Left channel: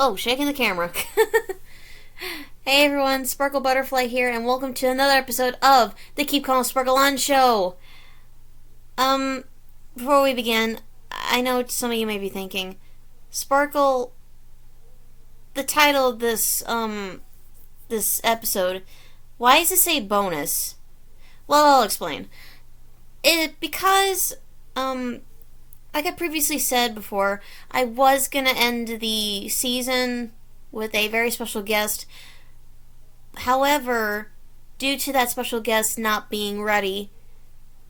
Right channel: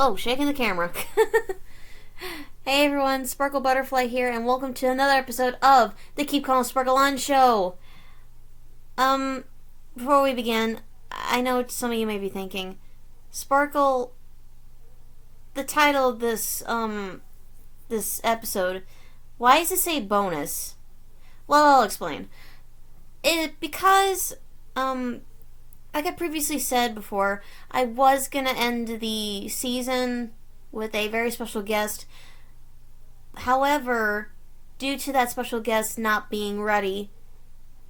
Oh, shaking the camera. Hey everyone, Sparkle Butterfly here, and welcome to another episode of the Keep Calm Sparkle On Show. Before we begin, I know some of you may be thinking, Sparkle, the title of this episode, why does it say bonus? Well, I'll explain. Because, like I previously said before, I was gonna end the season with a very special guest. However, due to that special guest not being ready,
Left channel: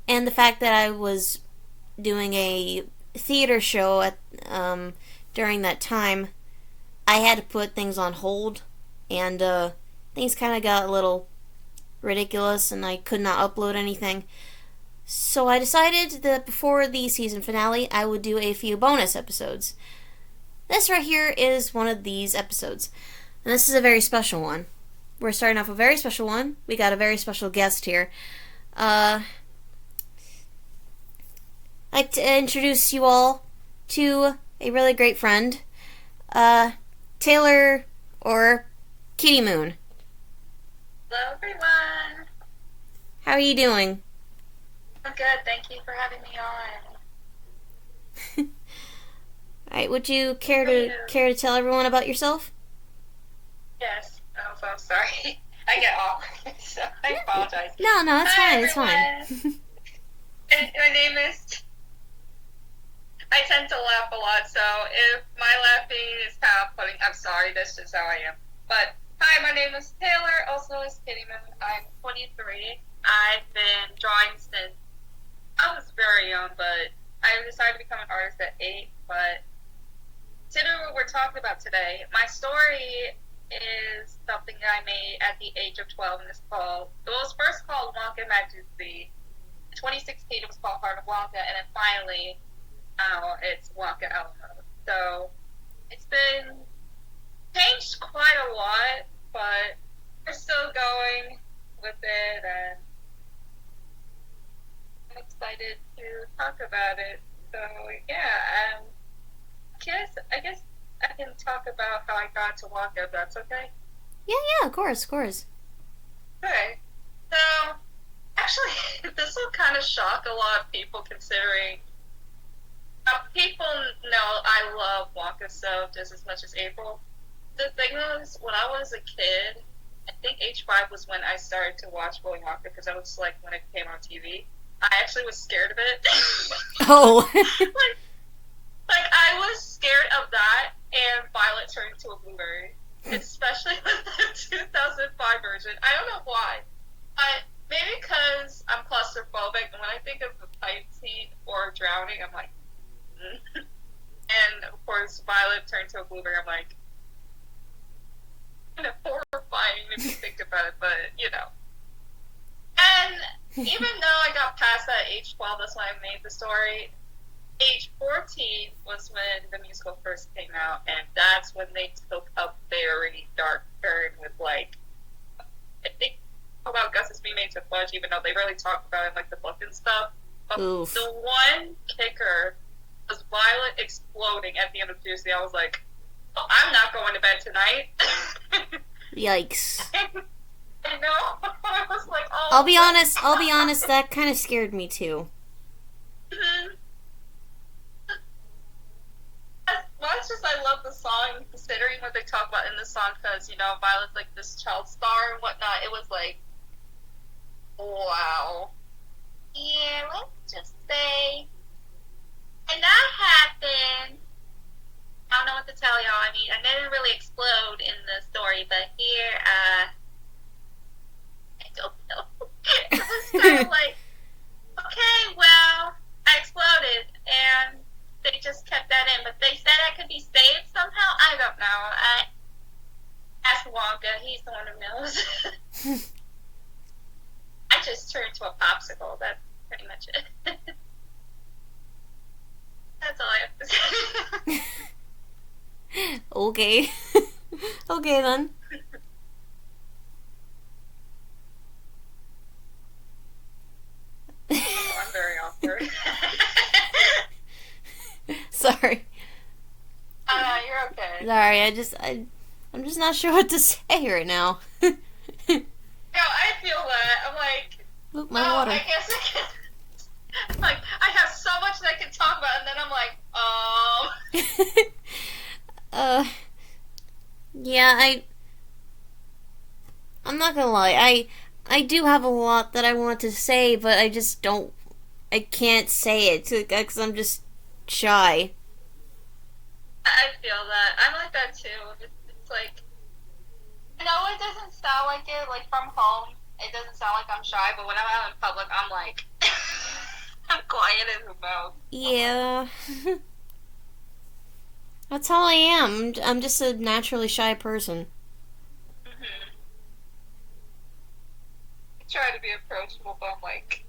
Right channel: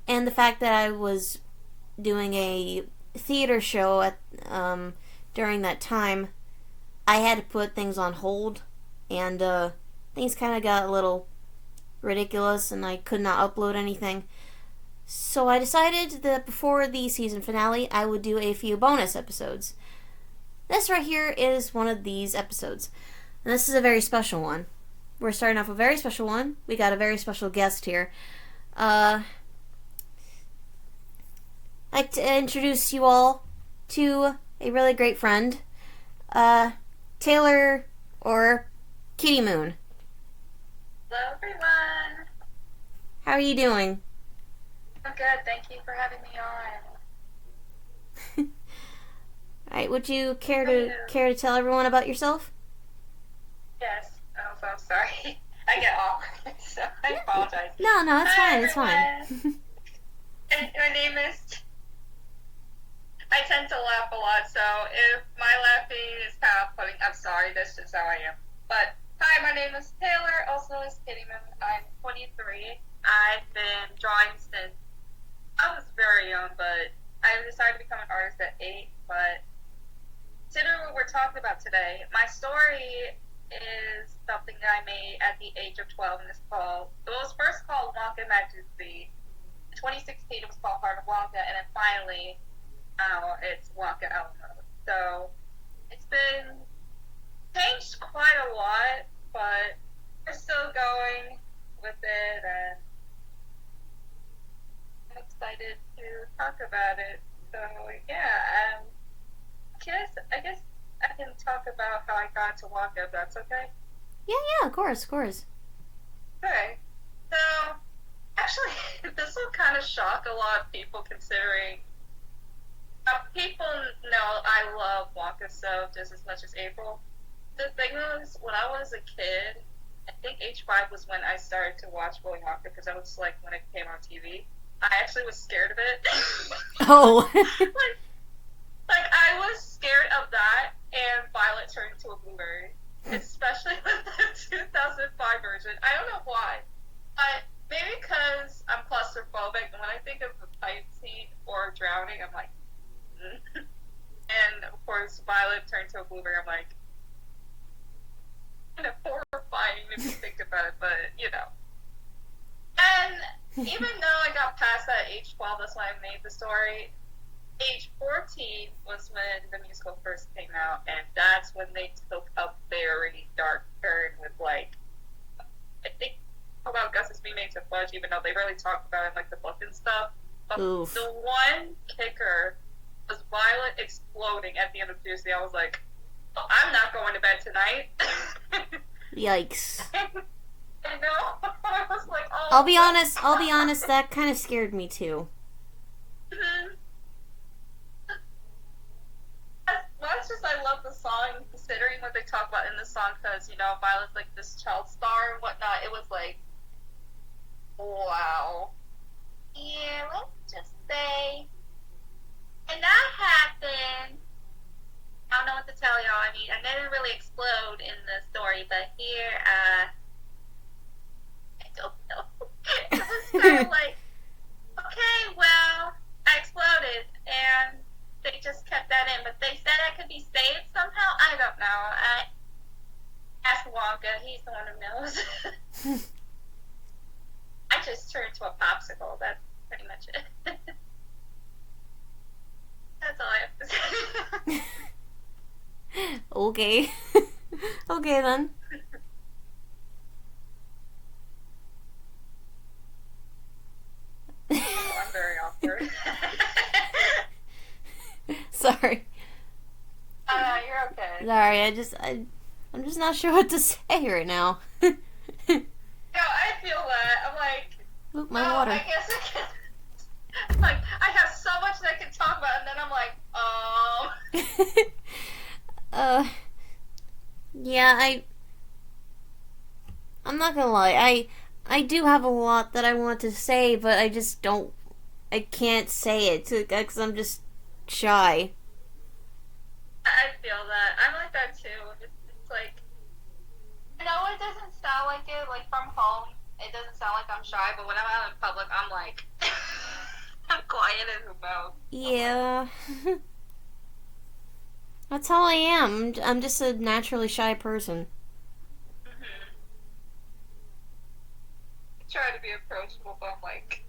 and the fact that I was doing a theater show at during that time, I had to put things on hold, and things kind of got a little ridiculous, and I could not upload anything. So I decided that before the season finale, I would do a few bonus episodes. This right here is one of these episodes, and this is a very special one. We're starting off with a very special one. We got a very special guest here. I'd like to introduce you all to a really great friend, Taylor, or KittyMoon. Hello, everyone. How are you doing? I'm good. Thank you for having me on. Alright, would you care to tell everyone about yourself? Yes. Oh, so sorry. I get awkward, so I apologize. No, it's Hi, fine. It's everyone. fine. My name is... I tend to laugh a lot, so if my laughing is kind of off-putting, I'm sorry. That's just how I am. But, hi, my name is Taylor, also is KittyMoon. I'm 23. I've been drawing since I was very young, but I decided to become an artist at 8, but considering what we're talking about today, my story is something that I made at the age of 12, and it was first called Wonka Al A Mode. In 2016, it was called Heart of Wonka, and then finally, it's Wonka Al A Mode. So, it's been changed quite a lot, but we're still going with it, and I'm excited to talk about it. So, yeah, I guess I can talk about how I got to Wonka, if that's okay. Yeah, of course. Okay. So, actually, this will kind of shock a lot of people considering people know I love Wonka so just as much as April. The thing is, when I was a kid, I think age 5 was when I started to watch Willy Wonka because I was like when it came on TV. I actually was scared of it. Oh. Like, I was scared of that and Violet turning into a blueberry. Especially with the 2005 version. I don't know why. But maybe because I'm claustrophobic, and when I think of the fight scene or drowning, I'm like, And, of course, Violet turned to a blueberry. I'm like, kind of horrifying if you think about it, but, you know. And even though I got past that age 12, that's when I made the story, age 14 was when the musical first came out, and that's when they took a very dark turn with, like, I think about Gus's being made to fudge, even though they really talked about it in, like, the book and stuff. But Oof. the one kicker was Violet exploding at the end of Tuesday. I was like, oh, I'm not going to bed tonight. Yikes. I know. I was like, oh. I'll be honest, that kind of scared me too. Mm-hmm. Well, it's just I love the song, considering what they talk about in the song, because, you know, Violet's like this child star and whatnot. It was like, wow. Yeah, let's just say, and that happened. I don't know what to tell y'all. I mean, I didn't really explode in the story, but here, I don't know. It was kind of like, okay, well, I exploded, and they just kept that in, but they said I could be saved somehow. I don't know. I asked Wonka. He's the one who knows. I just turned into a popsicle. That's pretty much it. That's all I have to say. Okay. Okay then. Oh, I'm very awkward. Sorry. You're okay. Sorry, I'm just not sure what to say right now. No, I feel that. I'm like, Oop, my water. I guess I can. Like, I have so much that I can talk about, and then I'm like, Yeah, I'm not gonna lie. I do have a lot that I want to say, but I just don't. I can't say it because I'm just shy. I feel that. I'm like that too. It's like, I know it doesn't sound like it, like from home, it doesn't sound like I'm shy, but when I'm out in public, I'm like, I'm quiet as a mouse. Yeah. That's how I am. I'm just a naturally shy person. Mm-hmm. I try to be approachable, but I'm like,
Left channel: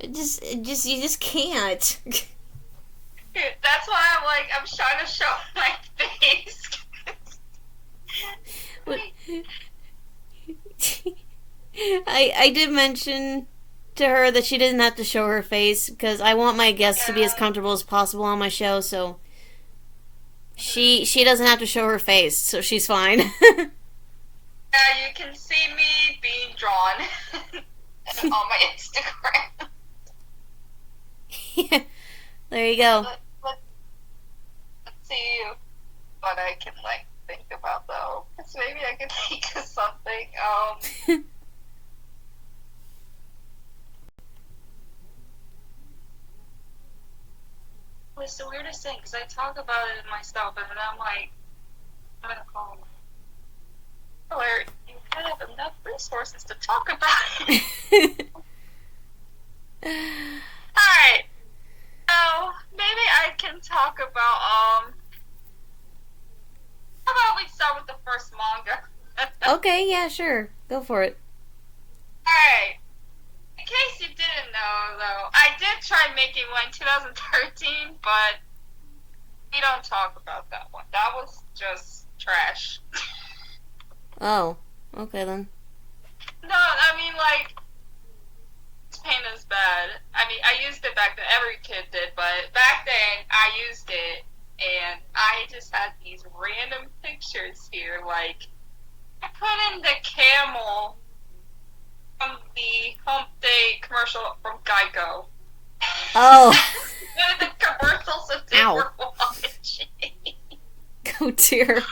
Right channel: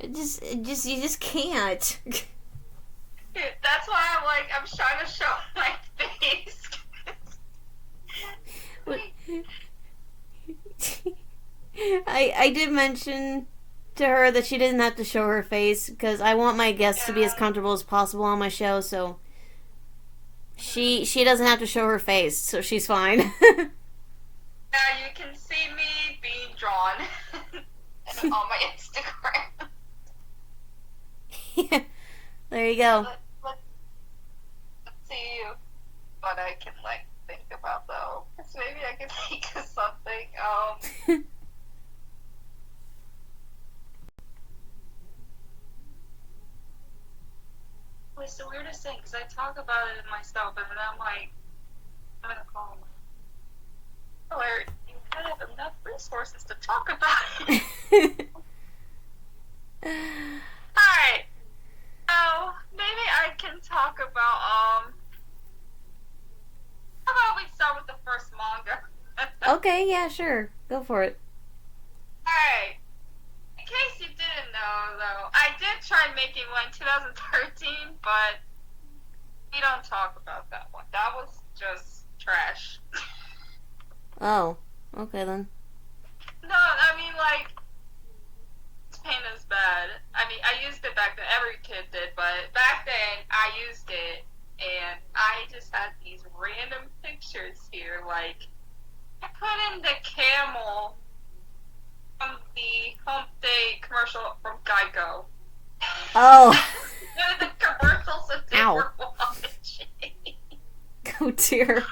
You just can't. that's why I'm like, I'm trying to show my face. What? I did mention to her that she doesn't have to show her face because I want my guests to be as comfortable as possible on my show, so she doesn't have to show her face, so she's fine. Yeah, you can see me being drawn on my Instagram. Yeah, there you go. Let's see what I can like think about though. Because maybe I can think of something. It's the weirdest thing because I talk about it myself, and then I'm like, I'm gonna call him. Where you have enough resources to talk about it. Alright. So maybe I can talk about how about we start with the first manga? Okay, yeah, sure. Go for it. Alright. In case you didn't know though, I did try making one in 2013, but we don't talk about that one. That was just trash. Oh, okay then. No, I mean like this paint is bad. I mean I used it back then, every kid did, but back then I used it and I just had these random pictures here, like I put in the camel from the Hump Day commercial from Geico. Oh. One of the commercials that they were watching. Oh dear.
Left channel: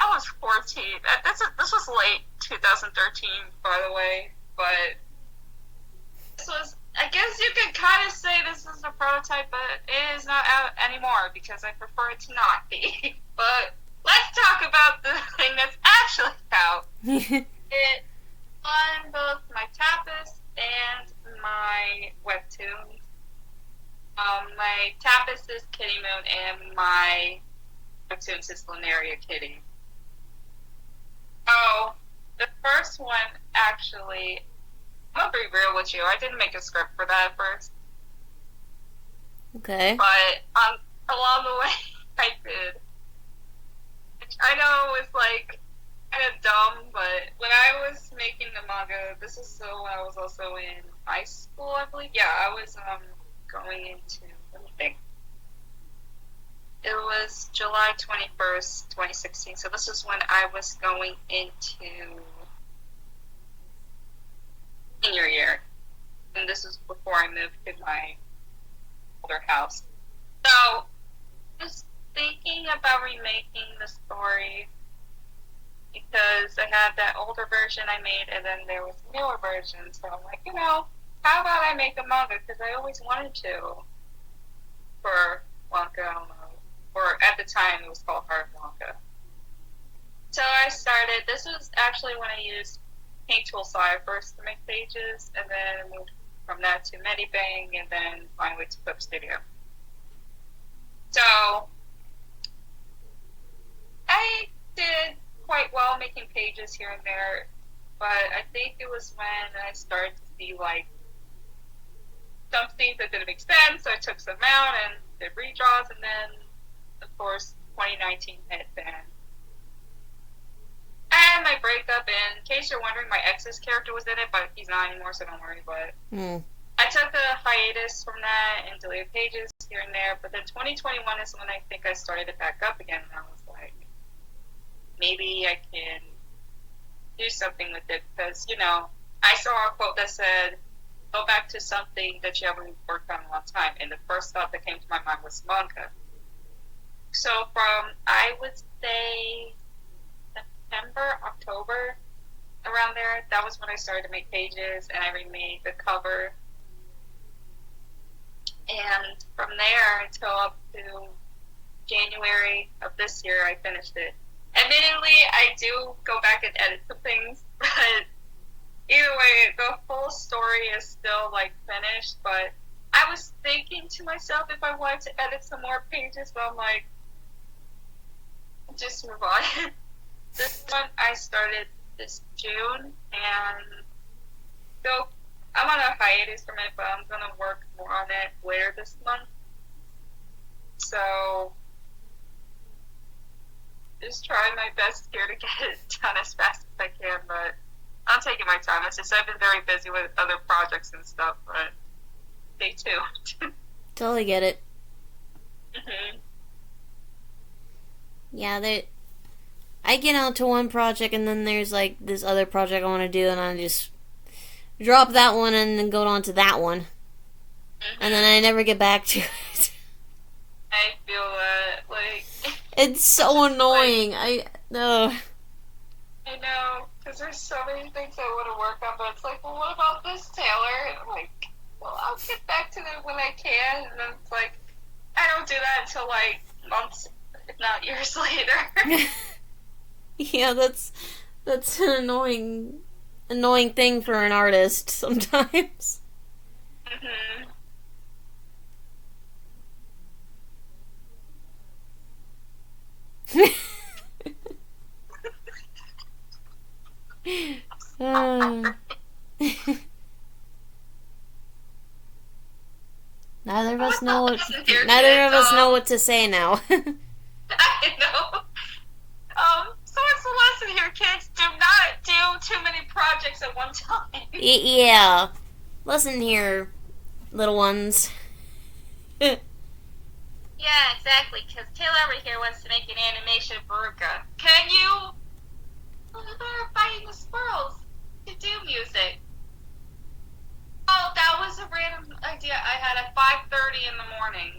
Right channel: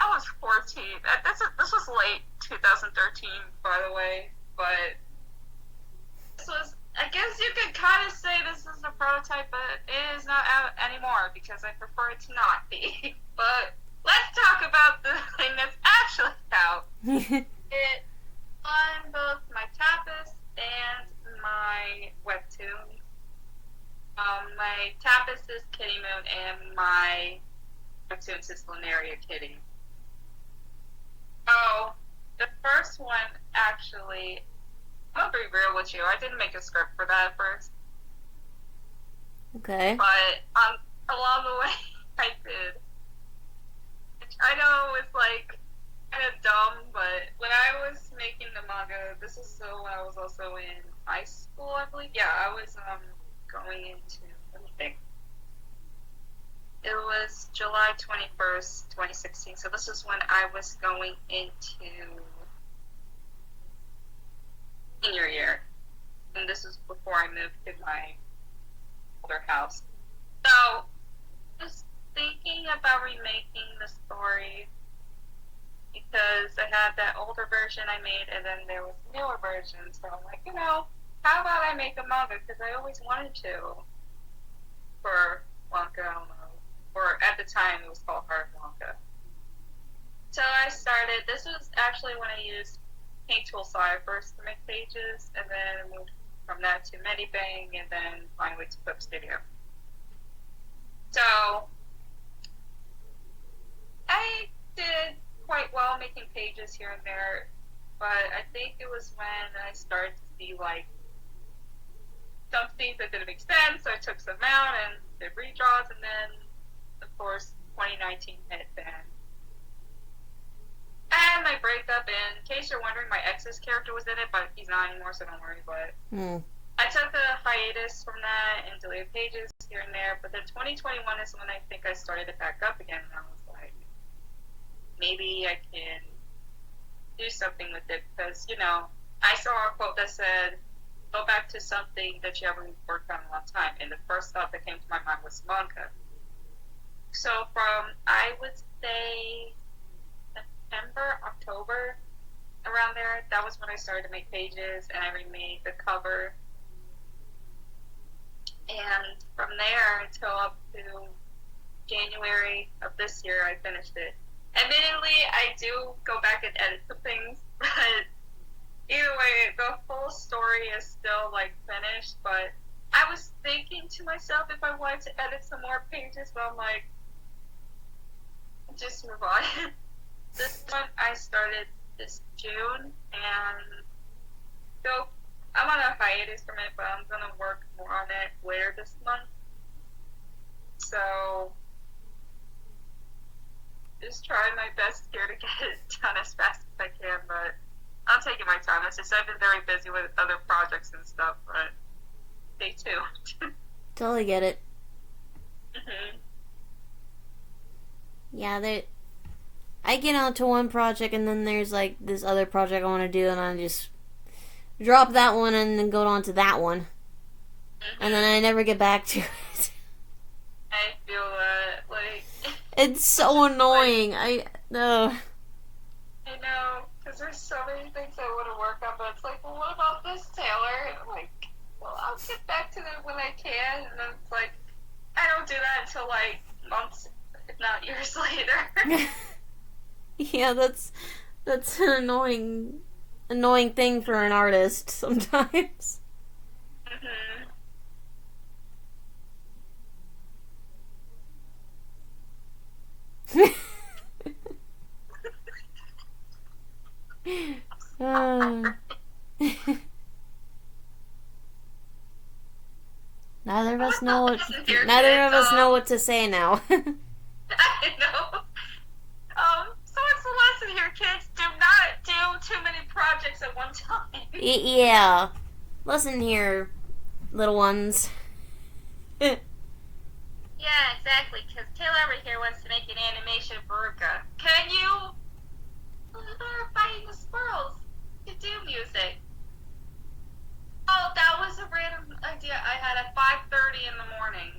I was 14. This was late 2013, by the way, but this was, I guess you could kind of say this is a prototype, but it is not out anymore because I prefer it to not be. But let's talk about the thing that's actually out. It on both my tapas and my webtoon. My tapas is KittyMoon and my webtoon is Lunaria Kitty. So the first one actually, I'm gonna be real with you. I didn't make a script for that at first. Okay. But along the way, I did. Which I know it's like kind of dumb, but when I was making the manga, this is when I was also in high school, I believe. Yeah, I was going into, let me think. It was July 21st, 2016. So this is when I was going into senior year. And this is before I moved to my older house. So I was thinking about remaking the story because I had that older version I made and then there was a newer version. So I'm like, how about I make a manga? Because I always wanted to for Wonka Al A Mode. Or at the time it was called Hard Wonka. So I started, this was actually when I used Paint Tool Sire first to make pages, and then moved from that to Medibang, and then finally to Clip Studio. So I did quite well making pages here and there, but I think it was when I started to see like some things that didn't make sense, so I took some out and did redraws, and then of course 2019 hit then. And my breakup, in case you're wondering, my ex's character was in it, but he's not anymore, so don't worry, but I took a hiatus from that and deleted pages here and there, but then 2021 is when I think I started it back up again, and I was like, maybe I can do something with it, because, I saw a quote that said, go back to something that you haven't worked on in a long time, and the first thought that came to my mind was manga. So from, I would say, September, October, around there, that was when I started to make pages, and I remade the cover. And from there until up to January of this year, I finished it. Admittedly, I do go back and edit some things, but either way, the full story is still, finished. But I was thinking to myself if I wanted to edit some more pages, but I'm like, just move on. This one I started this June, and so I'm on a hiatus from it, but I'm going to work more on it later this month. So, just trying my best here to get it done as fast as I can, but I'm taking my time. It's just I've been very busy with other projects and stuff, but stay tuned. Totally get it. Mm-hmm. Yeah, I get onto one project, and then there's, this other project I want to do, and I just drop that one and then go on to that one. Mm-hmm. And then I never get back to it. I feel that, it's so annoying. I know, because there's so many things I want to work on, but it's like, well, what about this, Taylor? And I'm like, well, I'll get back to it when I can, and then it's like, I don't do that until, months, if not years later. Yeah, that's an annoying thing for an artist sometimes. Mm-hmm. Neither of us know what to say now. I know. So it's the lesson here, kids. Do not do too many projects at one time. Yeah. Listen here, little ones. Yeah, exactly, because Taylor over here wants to make an animation of Veruca. Can you? They're fighting the squirrels to do music. Oh, that was a random idea I had at 5:30 in the morning.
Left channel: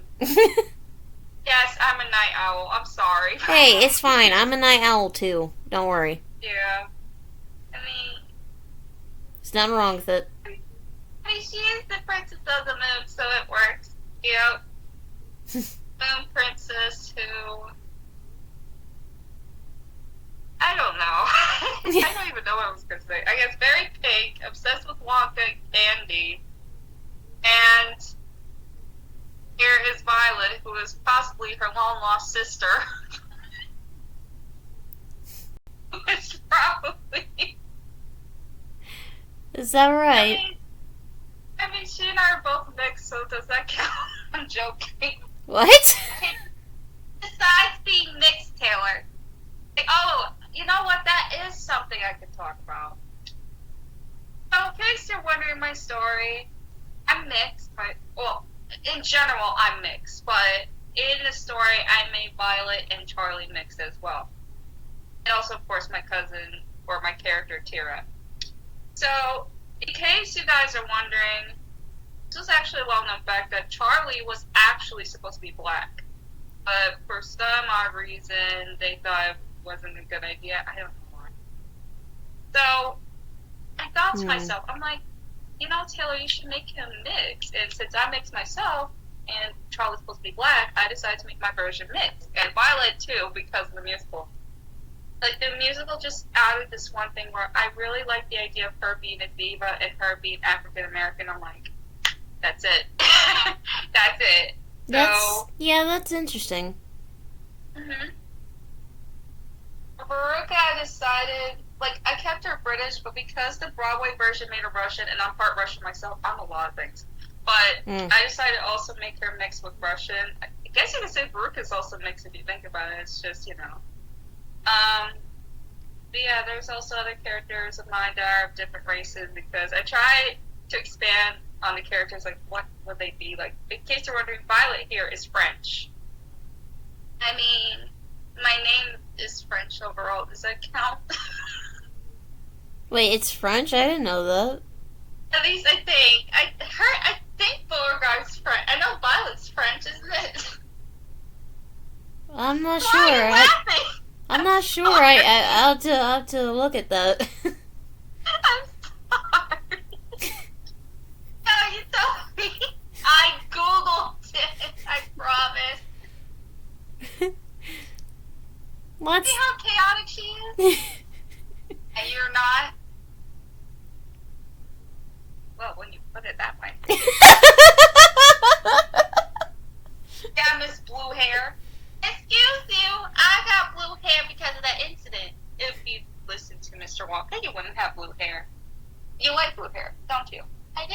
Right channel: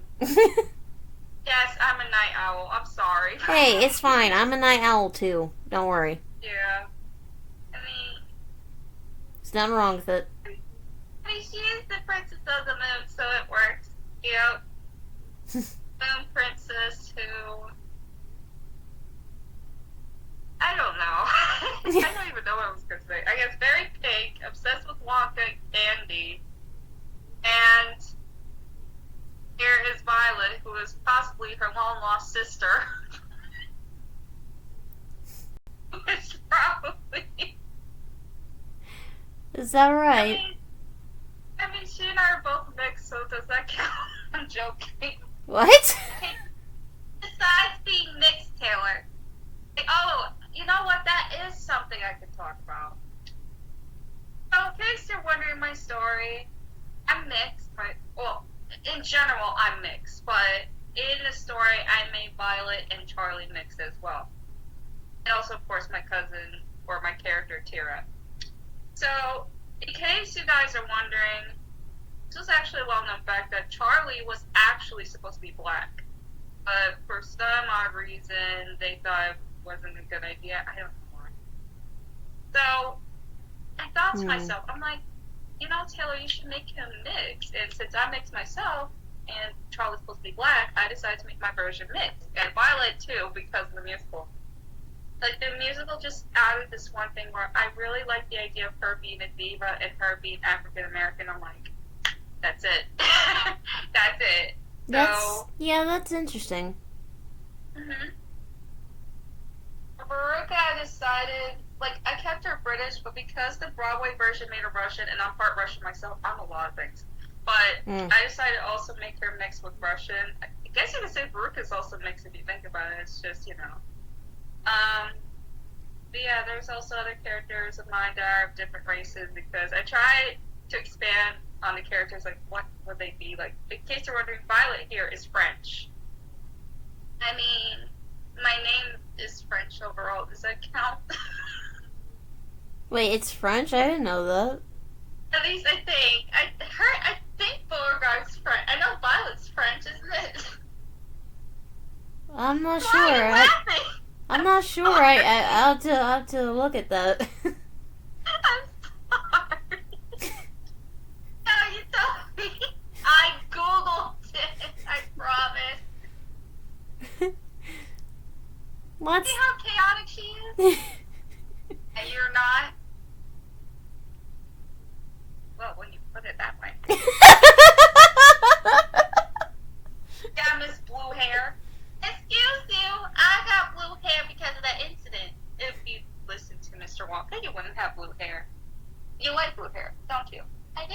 Yes, I'm a night owl. I'm sorry. Hey, it's fine. I'm a night owl too. Don't worry. Yeah. I mean, there's nothing wrong with it. She is the princess of the moon, so it works. Yep. Moon princess who... I don't know. I don't even know what I was going to say. I guess very pink, obsessed with Wonka candy. And here is Violet, who is possibly her long-lost sister. Who is probably... Is that right? I mean, she and I are both mixed, so does that count? I'm joking. What? Besides being mixed, Taylor. Oh, you know what? That is something I could talk about. So, in case you're wondering my story, I'm mixed. Well, in general, I'm mixed. But in the story, I made Violet and Charlie mixed as well. And also, of course, my cousin, or my character, Tira. So, in case you guys are wondering, this was actually a well-known fact that Charlie was actually supposed to be black. But for some odd reason, they thought it wasn't a good idea. I don't know why. So, I thought to myself, I'm like, Taylor, you should make him mixed. And since I mixed myself, and Charlie's supposed to be black, I decided to make my version mixed. And Violet, too, because of the musical. The musical just added this one thing where I really like the idea of her being a diva and her being African-American. I'm like, that's it. That's it. That's interesting. Mm-hmm. Veruca, I decided, I kept her British, but because the Broadway version made her Russian, and I'm part Russian myself, I'm a lot of things. But I decided to also make her mixed with Russian. I guess you could say Veruca's also mixed if you think about it. It's just, But yeah, there's also other characters of mine that are of different races, because I tried to expand on the characters, like what would they be? Like, in case you're wondering, Violet here is French. I mean, my name is French overall. Does that count? Wait, it's French? I didn't know that. At least I think. I think Beauregard's French. I know Violet's French, isn't it? I'm not Why sure. are you laughing? I'm not sure. I'll have to look at that. I'm sorry. No, you told me. I Googled it. I promise. What? See how chaotic she is? And you're not? Well, when you put it that way. Yeah, Miss Blue Hair. Excuse you, I got blue hair because of that incident. If you listened to Mr. Wonka, you wouldn't have blue hair. You like blue hair, don't you? I do.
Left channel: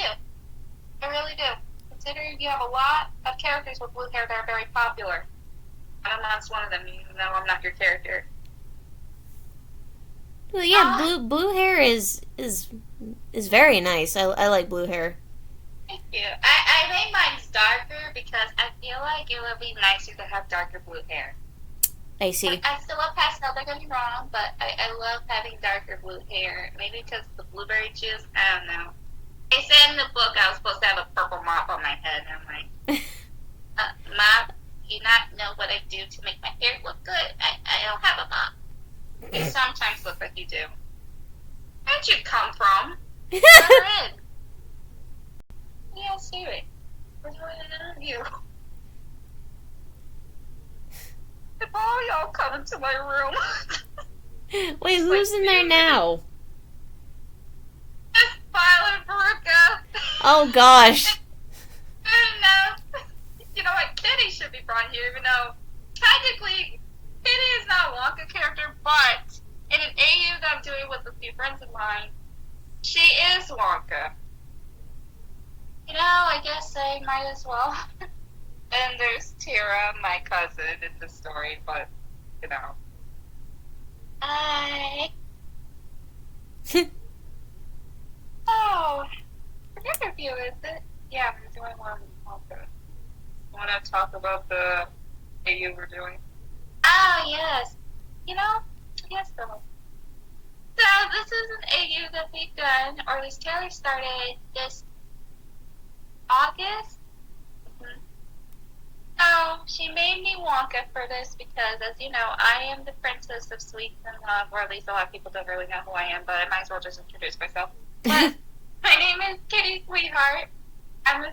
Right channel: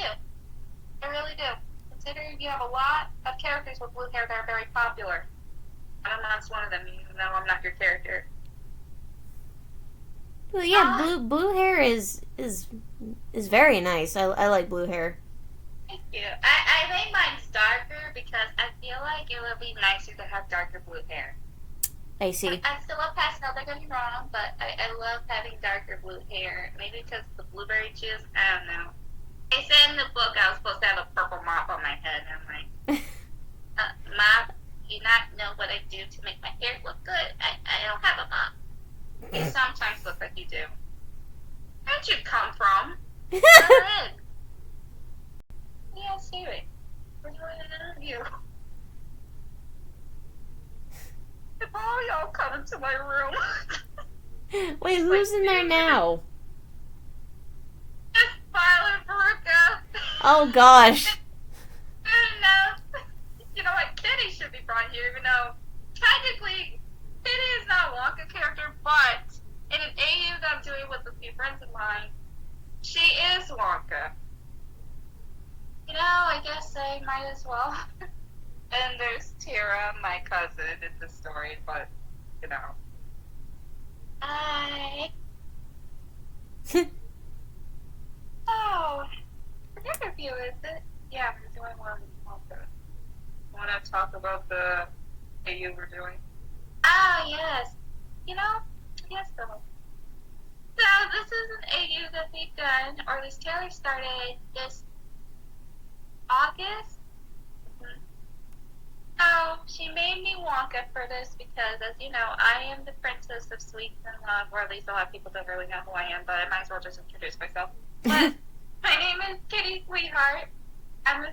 I really do. Considering you have a lot of characters with blue hair that are very popular. I'm not one of them, even though I'm not your character. Well, yeah, blue hair is very nice. I like blue hair. Thank you. I made mine darker because I feel like it would be nicer to have darker blue hair. I see. I still love pastel, don't get me wrong, but I love having darker blue hair. Maybe because of the blueberry juice, I don't know. They said in the book I was supposed to have a purple mop on my head, and I'm like, mop, you not know what I do to make my hair look good? I don't have a mop. You sometimes look like you do. Where'd you come from? Where in? Yeah, Siri. We're doing an interview. If all y'all come into my room. Wait, who's in there now? It's Violet Veruca. Oh gosh. No. You know what? Kitty should be brought here, even though technically Kitty is not a Wonka character, but in an AU that I'm doing with a few friends of mine, she is Wonka. You know, I guess I might as well. And there's Tara, my cousin, in the story, but, you know. Oh, what interview is it? Yeah, we're doing one with Wonka. You want to talk about the AU we're doing? Oh, yes. You know, yes, though. So, this is an AU that we've done, or at least Taylor started this August. So, she made me Wonka for this because, as you know, I am the princess of sweets and love, or at least a lot of people don't really know who I am, but I might as well just introduce myself. But my name is Kitty Sweetheart. I'm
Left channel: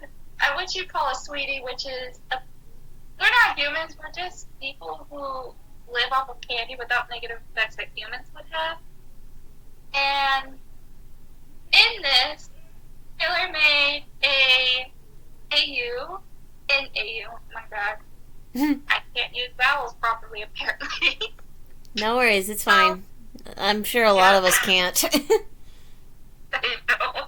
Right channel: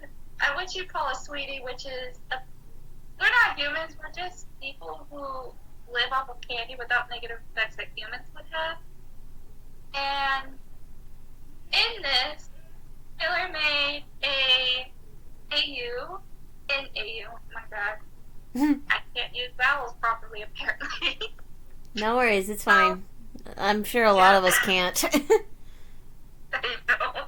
what you call a sweetie, which is we're not humans, we're just people who live off of candy without negative effects that humans would have. And in this, Taylor made AU, oh my god. I can't use vowels properly, apparently. No worries, it's fine. I'm sure a lot of us can't. I know.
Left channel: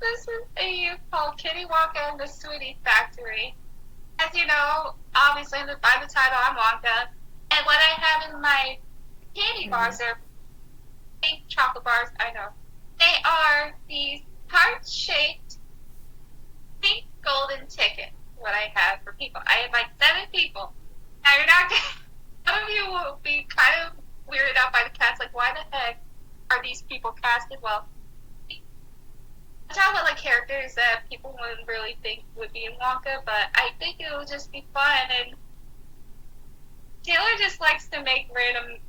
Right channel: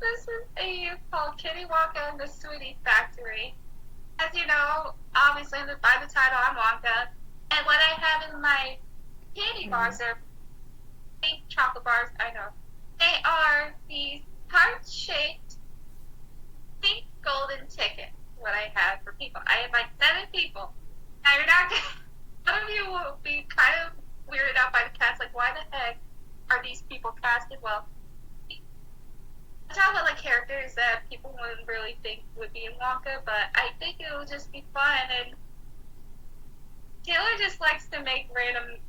This is AU called Kitty Wonka and the Sweetie Factory. As you know, obviously by the title, I'm Wonka. And what I have in my candy bars are pink chocolate bars, I know. They are these heart-shaped pink golden tickets, what I have for people. I have like 7 people. Now you're not gonna, some of you will be kind of weirded out by the cast, like why the heck are these people casted? Well, I talk about like characters that people wouldn't really think would be in Wonka, but I think it will just be fun. And Taylor just likes to make random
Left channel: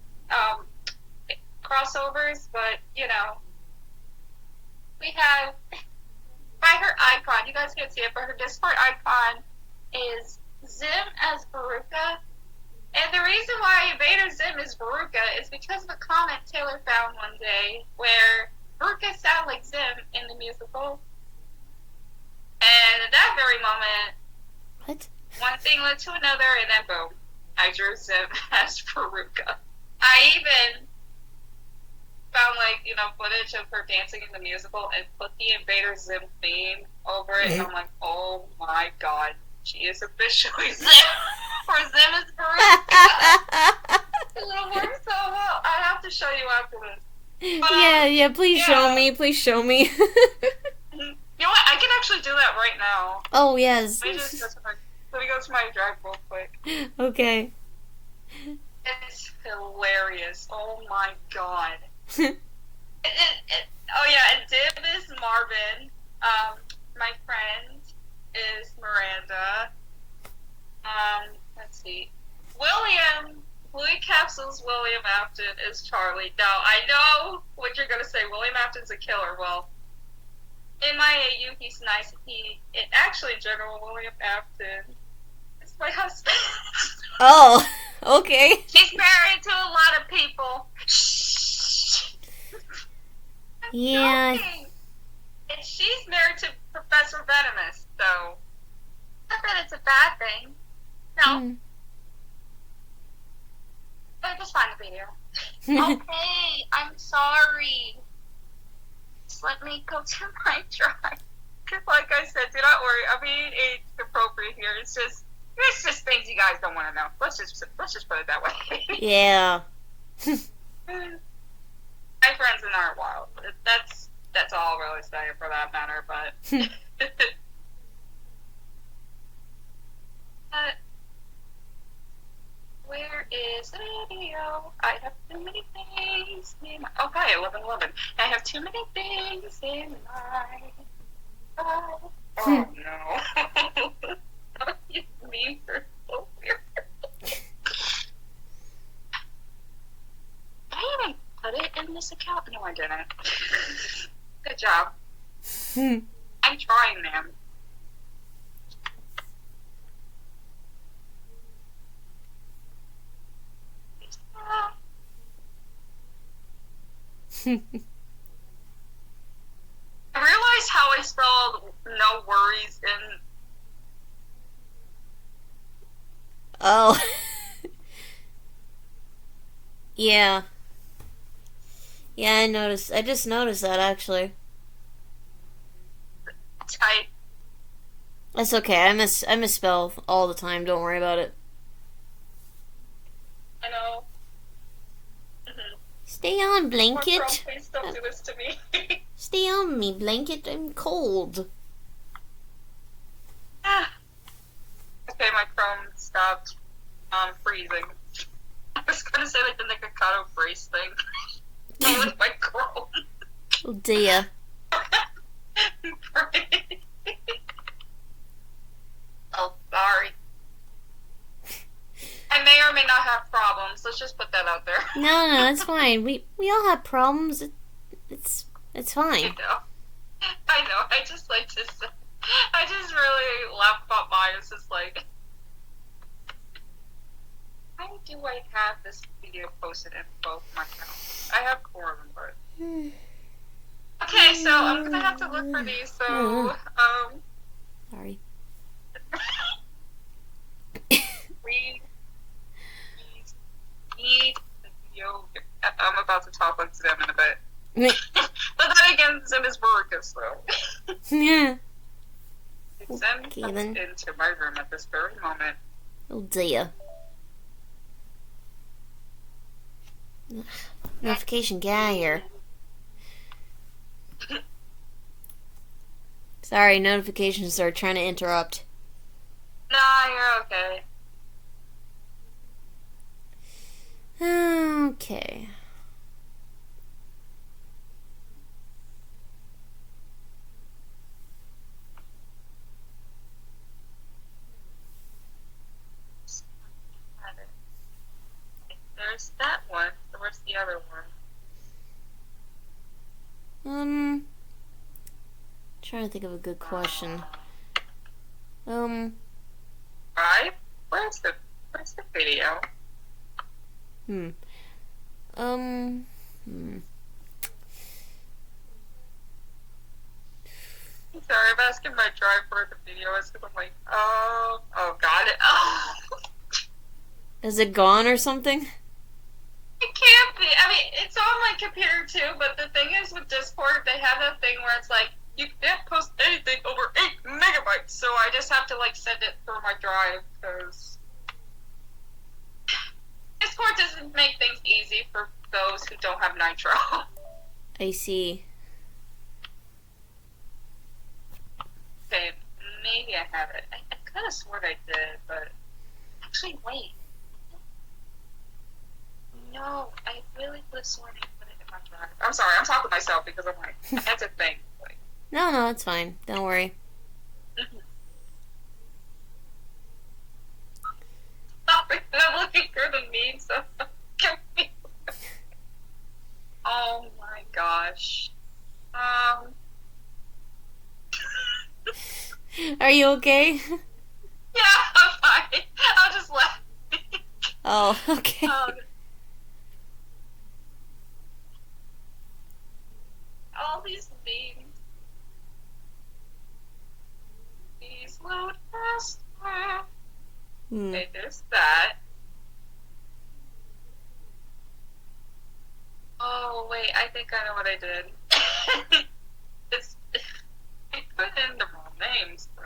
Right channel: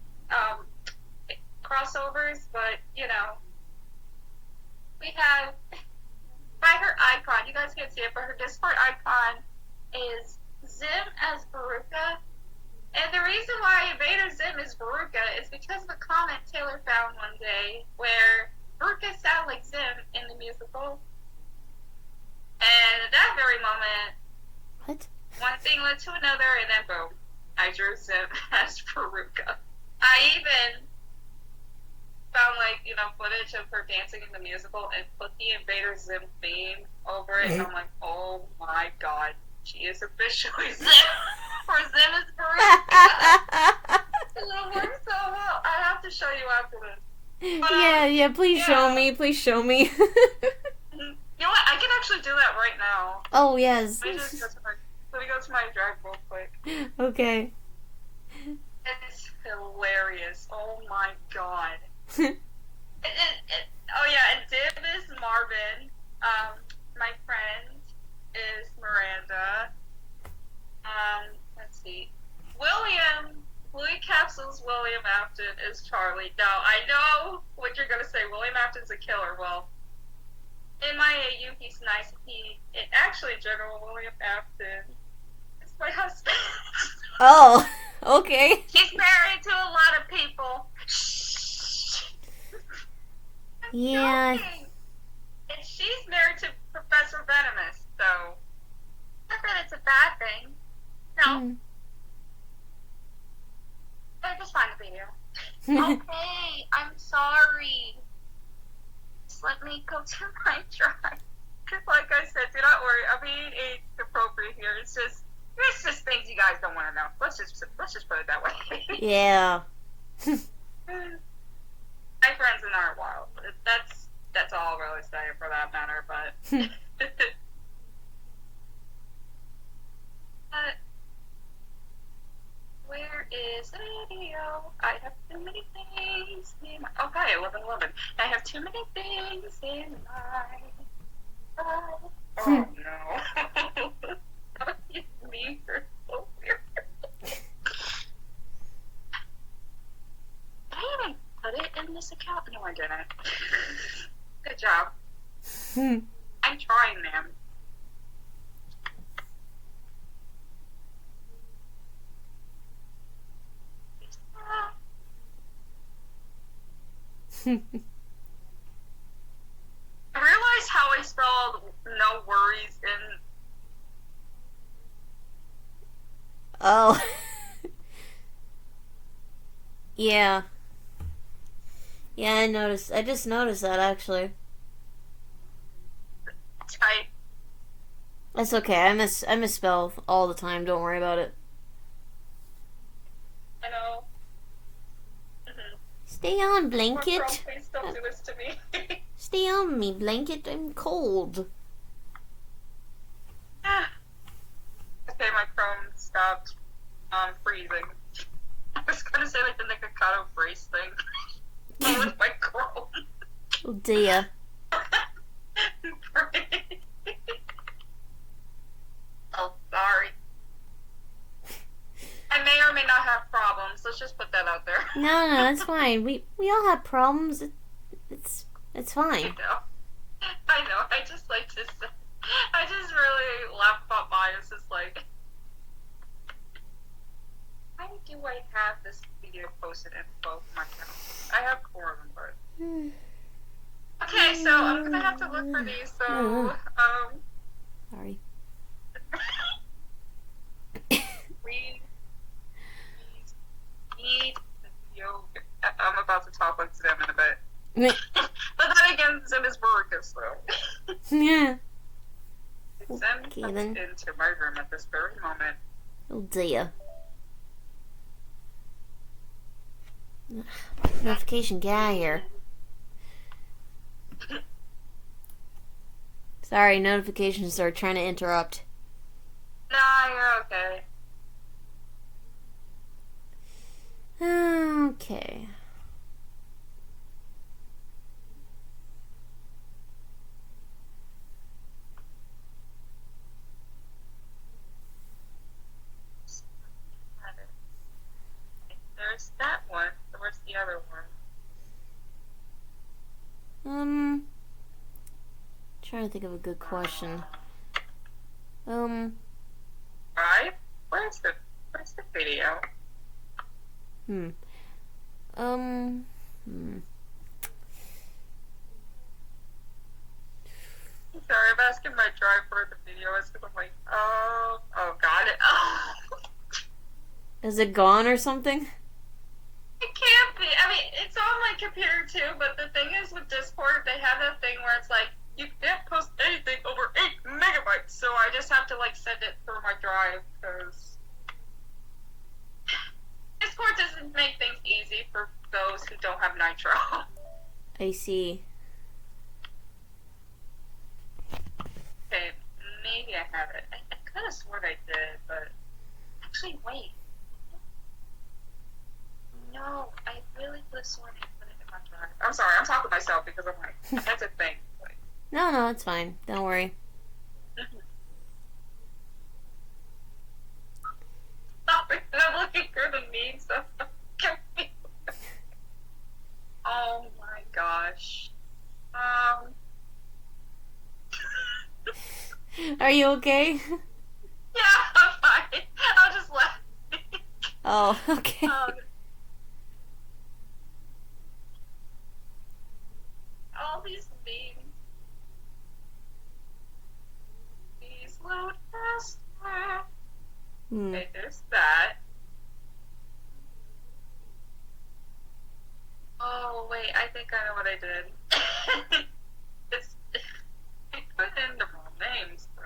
crossovers, but you know, we have by her icon, you guys can't see it, but her Discord icon is Zim as Veruca. And the reason why Vader Zim is Veruca is because of a comment Taylor found one day where Veruca sounded like Zim in the musical. And at that very moment, What? one thing led to another, and then boom, I drew Zim as Veruca. I even found footage of her dancing in the musical and put the Invader Zim theme over it, and I'm like, oh my god, she is officially Zim, or Zim is Veruca. It works so well. I have to show you after this. But, Yeah, please show yeah. me. Please show me. You know what? I can actually do that right now. Oh, yes. Let me go to my drive real quick. Okay. It's hilarious. Oh my god. Oh yeah, and Dib is Marvin. My friend is Miranda. Let's see. Blue Capsule's William Afton is Charlie. Now, I know what you're gonna say. William Afton's a killer. Well, in my AU, he's nice. Actually, General William Afton is my husband. Oh, okay. He's married to a lot of people. Yeah. And she's married to Professor Venomous, so not that it's a bad thing. No. But just find the video. Okay, I'm sorry. Just let me go to my drive. Like I said, do not worry. I'm being age appropriate here. It's just things you guys don't want to know. Let's just put it that way. Yeah. My friends and I are wild. That's all I'll really say for that matter. But where is the video? I have too many things in my... Okay, 11:11. I have too many things in my... Oh no. Me for so weird. Did I even put it in this account? No, I didn't. Good job. I'm trying, man. I realized how I spelled no worries in... Oh. Yeah. Yeah, I just noticed that, actually. type. That's okay. I misspell all the time. Don't worry about it. I know. Stay on, blanket. Please don't do this to me. Stay on me, blanket. I'm cold. Okay, my Chrome stopped freezing. I was gonna say like the Nikocado brace thing. With my Chrome. Oh dear. Oh, sorry. I may or may not have problems. Let's just put that out there. No, it's fine. We all have problems. It's fine. I know. I just like to say, I just really laugh about mine. It's just like, how do I have this video posted in both my accounts? I have 4 of them, but... Okay, so I'm gonna have to look for these, so, Sorry. Yogurt. I'm about to talk like Zim in a bit. But then again, Zim is Burrica, so. Yeah. Zim Okay, comes then. into my room at this very moment. Oh dear. Notification, get out of here. Sorry, notifications are trying to interrupt. Nah, you're okay. Okay. There's that one. Where's the other one? Trying to think of a good question. Right? Where's the video? Sorry, I'm asking my drive for the video. It's because I'm like, oh, got it. Oh. Is it gone or something? It can't be. I mean, it's on my computer too, but the thing is with Discord, they have that thing where it's like, you can't post anything over 8 megabytes, so I just have to like send it through my drive, because Discord doesn't make things easy for those who don't have Nitro. I see. Okay, maybe I have it. I could have sworn I did, but actually, wait. No, I really could have sworn I put it in my drive. I'm sorry, I'm talking to myself because I'm like, that's a thing. Like, No, it's fine. Don't worry. I'm looking for the memes. So oh my gosh. Are you okay? Yeah, I'm fine. I'll just laugh. Oh, okay. All these memes. Please load faster. Okay, there's that. Oh, wait, I think I know what I did. I put in the wrong names, so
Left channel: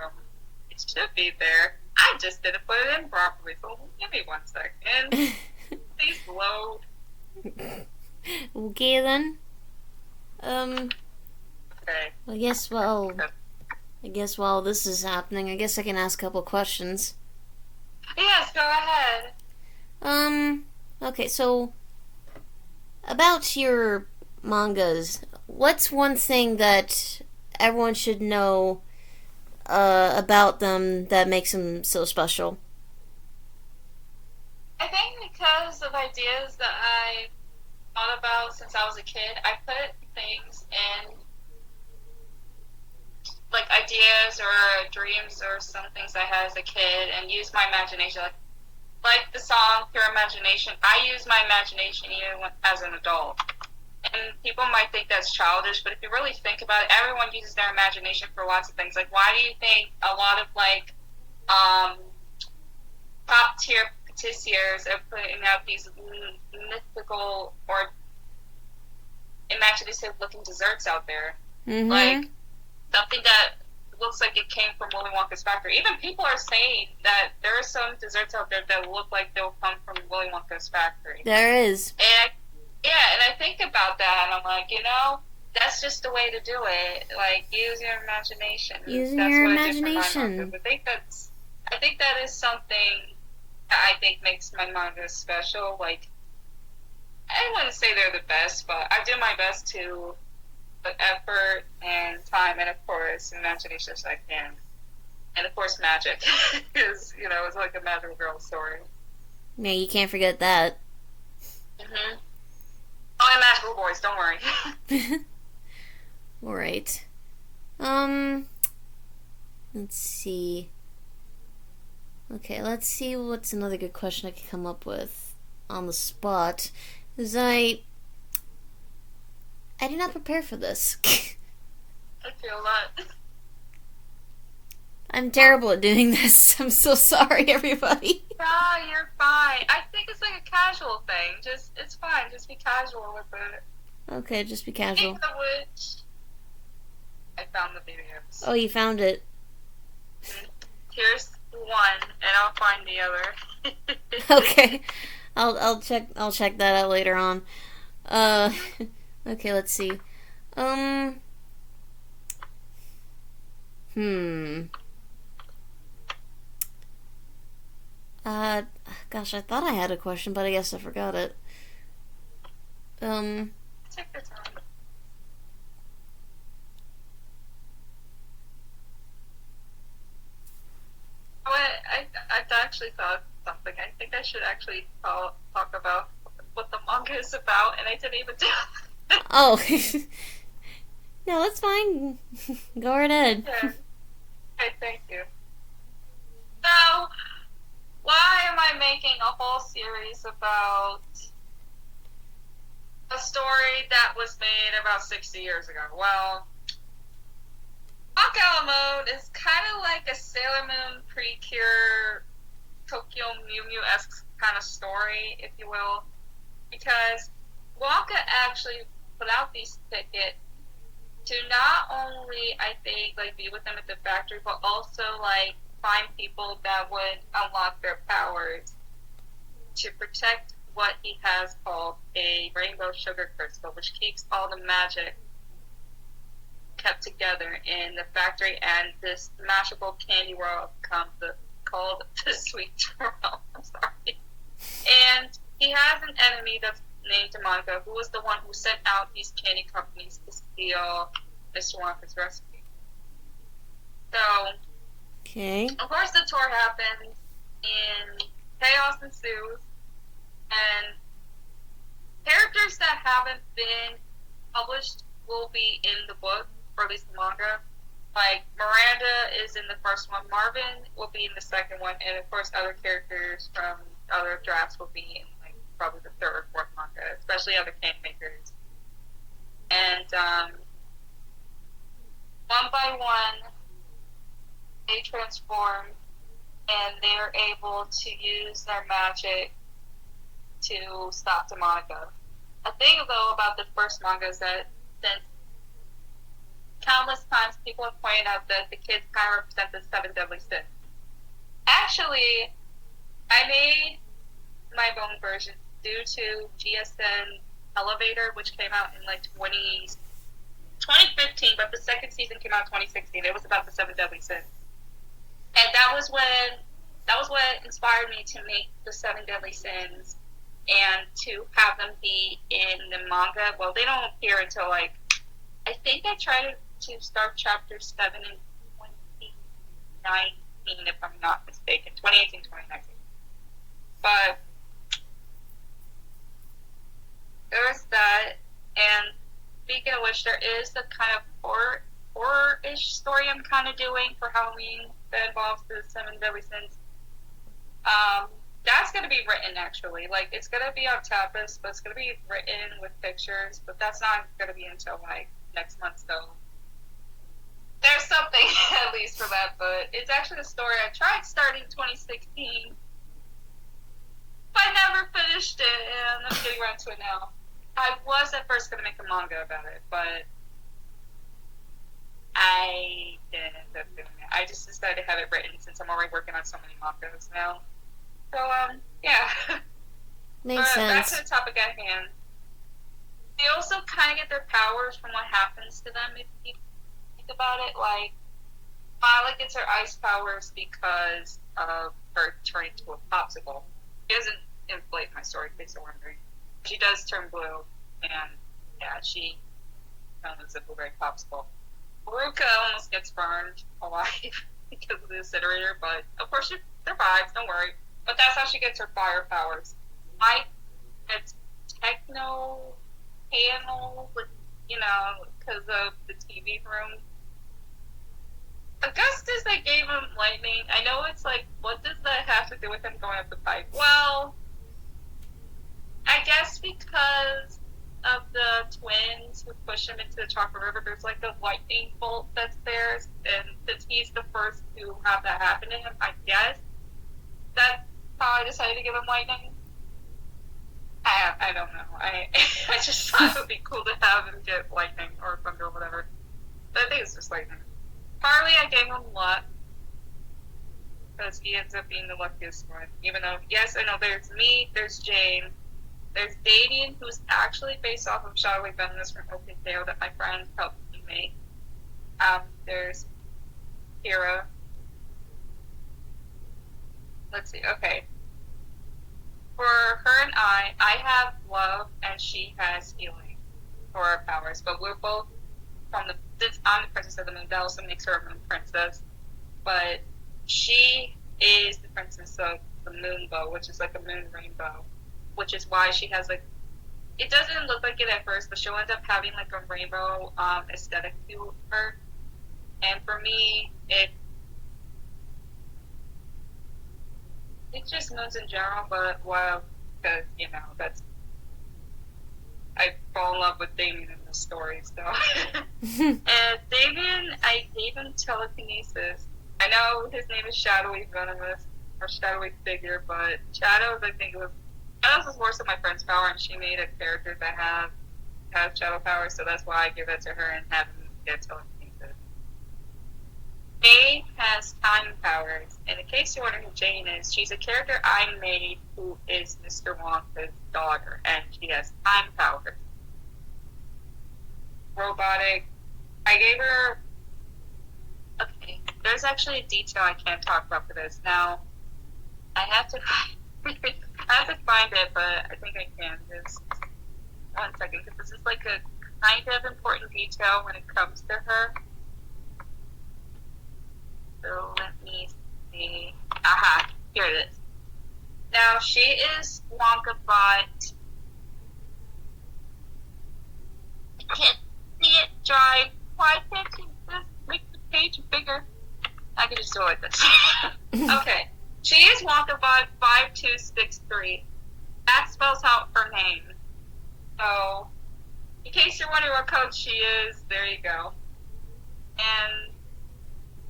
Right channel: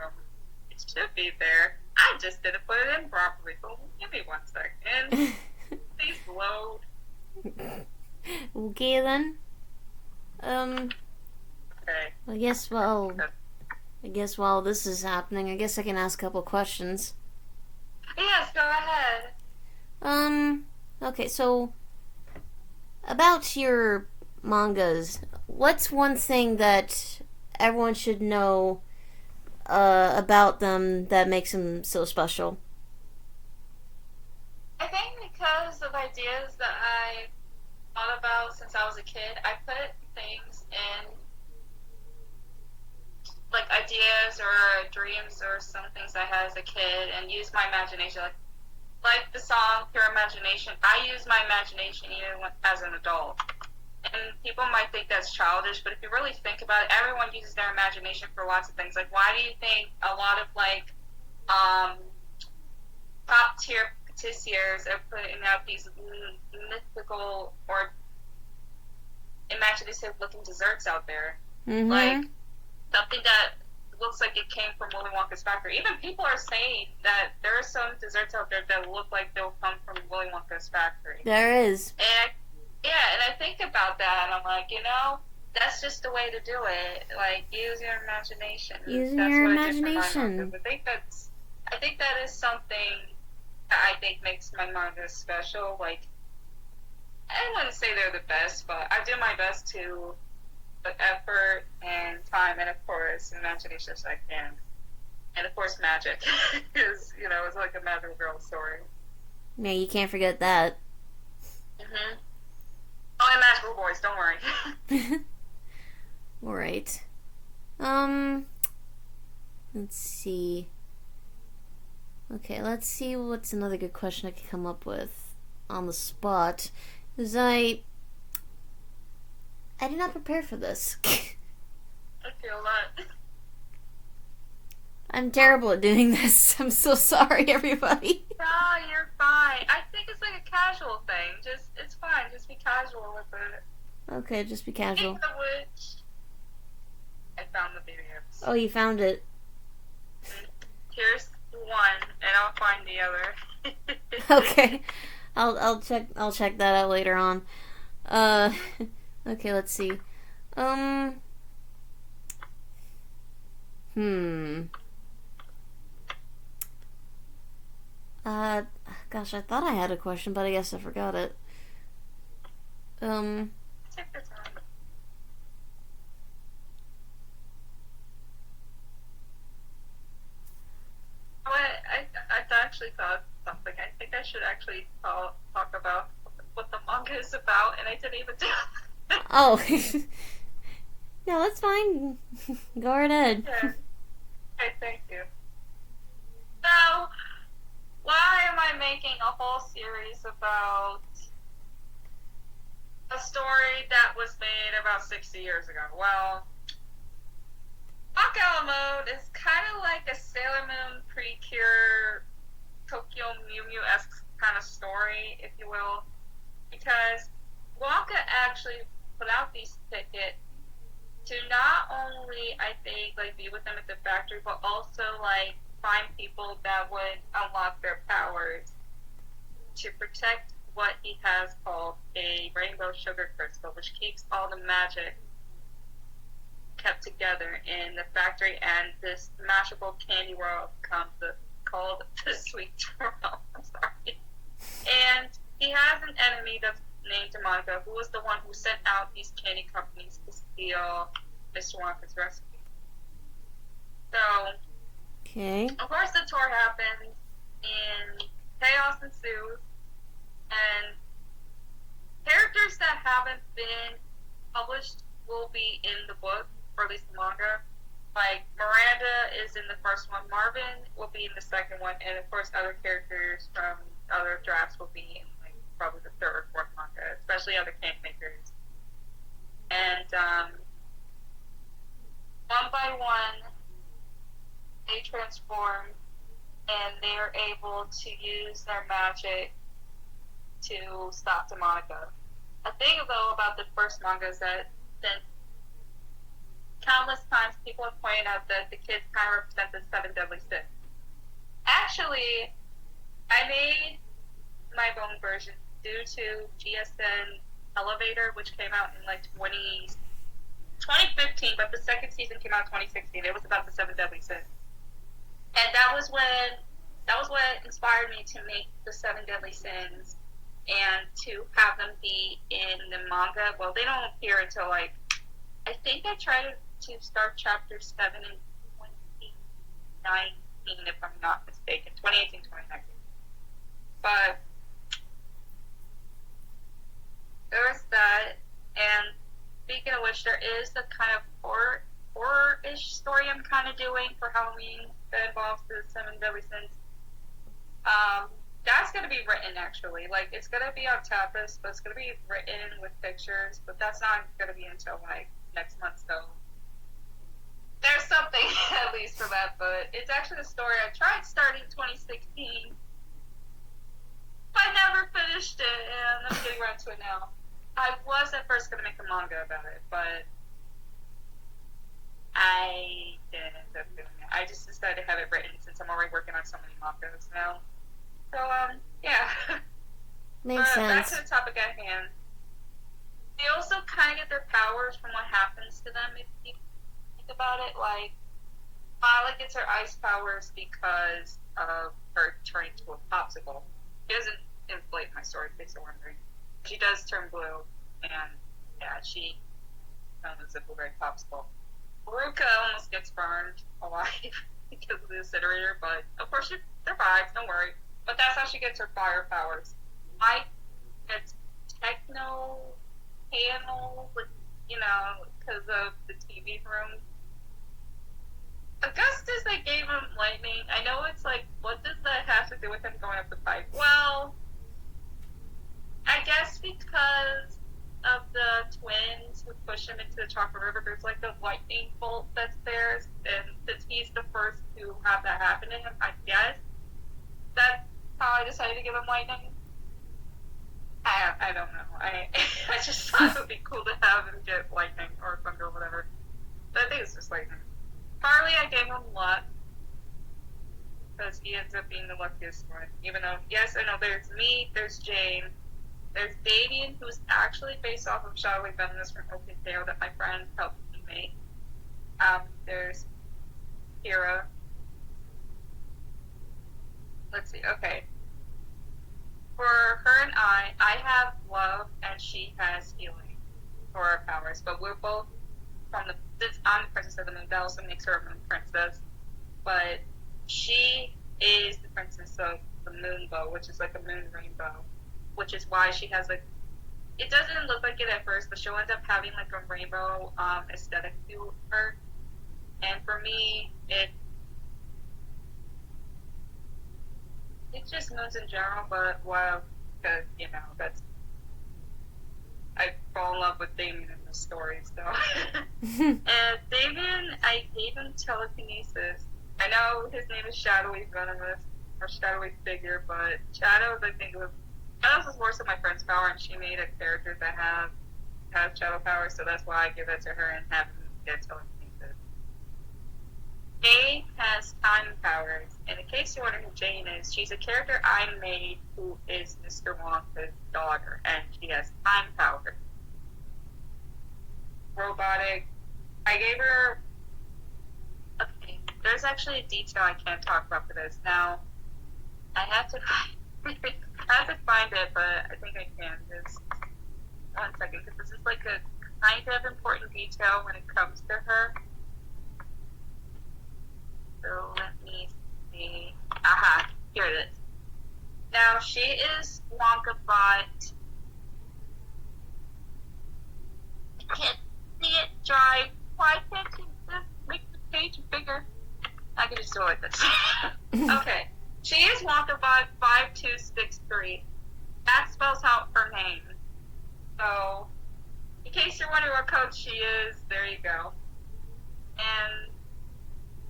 it should be there. I just didn't put it in properly, so give me 1 second. Please load. Okay then. Okay. I guess while this is happening, I guess I can ask a couple questions. Yes, go ahead. Okay, so about your mangas, what's one thing that everyone should know about them that makes them so special? I think because of ideas that I thought about since I was a kid, I put things in like ideas or dreams or some things I had as a kid and use my imagination. Like the song Pure Imagination, I use my imagination even as an adult. And people might think that's childish, but if you really think about it, everyone uses their imagination for lots of things. Like, why do you think a lot of top tier patissiers are putting out these mythical or imaginative looking desserts out there? Mm-hmm. Like something that looks like it came from Willy Wonka's factory. Even people are saying that there are some desserts out there that look like they'll come from Willy Wonka's factory. There is. And I think about that, and I'm like, that's just the way to do it. Like, use your imagination. Using your imagination. I think that is something that I think makes my manga special. Like, I wouldn't say they're the best, but I do my best to put effort and time, and of course, imagination as I can. And of course, magic, because it's like a magical girl story. Yeah, you can't forget that. Mhm. Oh, and magical boys. Don't worry. All right. Let's see. Okay, let's see what's another good question I could come up with on the spot. Because I did not prepare for this. I feel that. I'm terrible at doing this. I'm so sorry, everybody. No, you're fine. I think it's like a casual thing. It's fine. Just be casual with it. Okay, just be casual. Speaking of which, I found the videos. Oh, you found it. Here's one, and I'll find the other. Okay, I'll check that out later on. Okay, let's see. Gosh, I thought I had a question, but I guess I forgot it. Take your time. Oh, I actually thought something. I think I should actually talk about what the manga is about, and I didn't even do it. Oh. No, that's fine. Go right ahead. Yeah. Okay, thank you. So, why am I making a whole series about a story that was made about 60 years ago? Well, Wonka Al A Mode is kind of like a Sailor Moon Precure Tokyo Mew Mew-esque kind of story, if you will, because Wonka actually put out these tickets to not only, I think, like, be with them at the factory, but also, like, find people that would unlock their powers to protect what he has called a rainbow sugar crystal, which keeps all the magic kept together in the factory, and this magical candy world becomes called the Sweet World. I'm sorry. And he has an enemy that's named Monica, who was the one who sent out these candy companies to steal Mr. Wonka's recipe. So, Okay. of course, the tour happens, and chaos ensues, and characters that haven't been published will be in the book, or at least the manga. Like, Miranda is in the first one, Marvin will be in the second one, and of course other characters from other drafts will be in, like, probably the third or fourth manga, especially other can makers. And, one by one, they transform, and they are able to use their magic to stop Demonica. A thing, though, about the first manga is that since countless times people have pointed out that the kids kind of represent the seven deadly sins. Actually, I made my own version due to GSN Elevator, which came out in like 2015, but the second season came out in 2016. It was about the seven deadly sins. And that was what inspired me to make the seven deadly sins and to have them be in the manga. Well, they don't appear until, like, I think I tried to start chapter 7 in 2019, if I'm not mistaken. 2018, 2019. But there's that. And speaking of which, there is the kind of horror-ish story I'm kind of doing for Halloween that involves the seven deadly sins. That's going to be written, actually. Like, it's going to be on Tapas, but it's going to be written with pictures, but that's not going to be until, like, next month, so there's something at least for that. But it's actually a story I tried starting in 2016, but I never finished it, and I'm getting around to it now. I was at first going to make a manga about it, but I didn't end up doing it. I just decided to have it written since I'm already working on so many mangas now. So, yeah. Makes sense. Back to the topic at hand. They also kind of get their powers from what happens to them, if you think about it. Like, Violet gets her ice powers because of her turning to a popsicle. It doesn't inflate my story, in case you're wondering. She does turn blue, and, yeah, she becomes a blueberry popsicle. Haruka almost gets burned alive because of the incinerator, but of course she survives, don't worry. But that's how she gets her fire powers. Mike gets techno panel, with, because of the TV room. Augustus, I gave him lightning. I know it's like, what does that have to do with him going up the pipe? Well, I guess because of the twins who push him into the Chocolate River, there's like a lightning bolt that's there, and since he's the first to have that happen to him, I guess that's how I decided to give him lightning. I don't know. I just thought it would be cool to have him get lightning or thunder or whatever. But I think it's just lightning. Harley, I gave him luck because he ends up being the luckiest one. Even though, yes, I know there's me, there's Jane, there's Damien, who's actually based off of Shadowy Venomous from OpenTale that my friend helped me make. There's Kira. Let's see, okay. For her and I have love and she has healing for our powers, but we're both since I'm the princess of the moon, that also makes her a moon princess, but she is the princess of the moonbow, which is like a moon rainbow, which is why she has like, it doesn't look like it at first, but she'll end up having like a rainbow aesthetic to her, and for me, it's just moons in general, but because, I fall in love with Damien in the story, so. And Damien, I gave him telekinesis. I know his name is Shadowy Venomous, or Shadowy Figure, but Shadows, I think Shadows is more so my friend's power, and she made a character that has shadow power, so that's why I give that to her and have him get telekinesis. A has time power. powers. And in case you're wondering who Jane is, she's a character I made who is Mr. Wonka's daughter, and she has time powers. Robotic. I gave her. Okay, there's actually a detail I can't talk about for this. Now, I have to. I have to find it, but I think I can. Just 1 second, because this is like a kind of important detail when it comes to her. So let me see. Aha, here it is. Now, she is Wonka, but I can't see it dry. Why can't you just make the page bigger? I can just do it like this. Okay. She is WonkaBot 5263. That spells out her name. So, in case you're wondering what code she is, there you go. And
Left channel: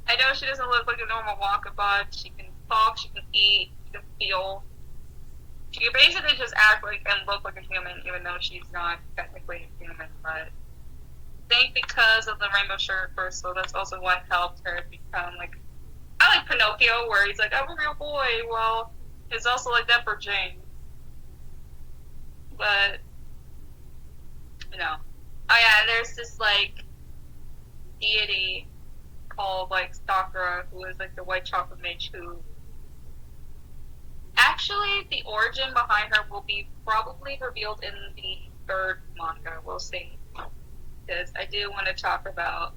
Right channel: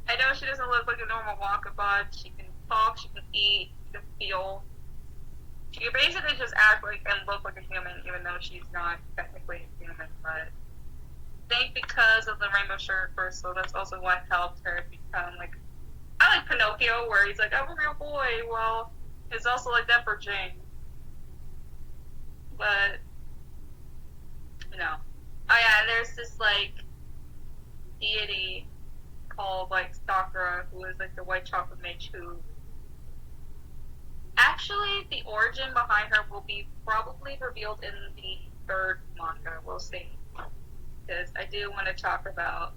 I know she doesn't look like a normal WonkaBot. She can talk, she can eat, she can feel. She can basically just act like and look like a human, even though she's not technically a human. But I think because of the rainbow sugar crystal, that's also what helped her become like. I like Pinocchio, where he's like, I'm a real boy. Well, it's also like that for Jane. But, you know. Oh yeah, and there's this, like, deity called, like, Sakura, who is, like, the white chocolate mage who... Actually, the origin behind her will be probably revealed in the third manga. We'll see. Because I do want to talk about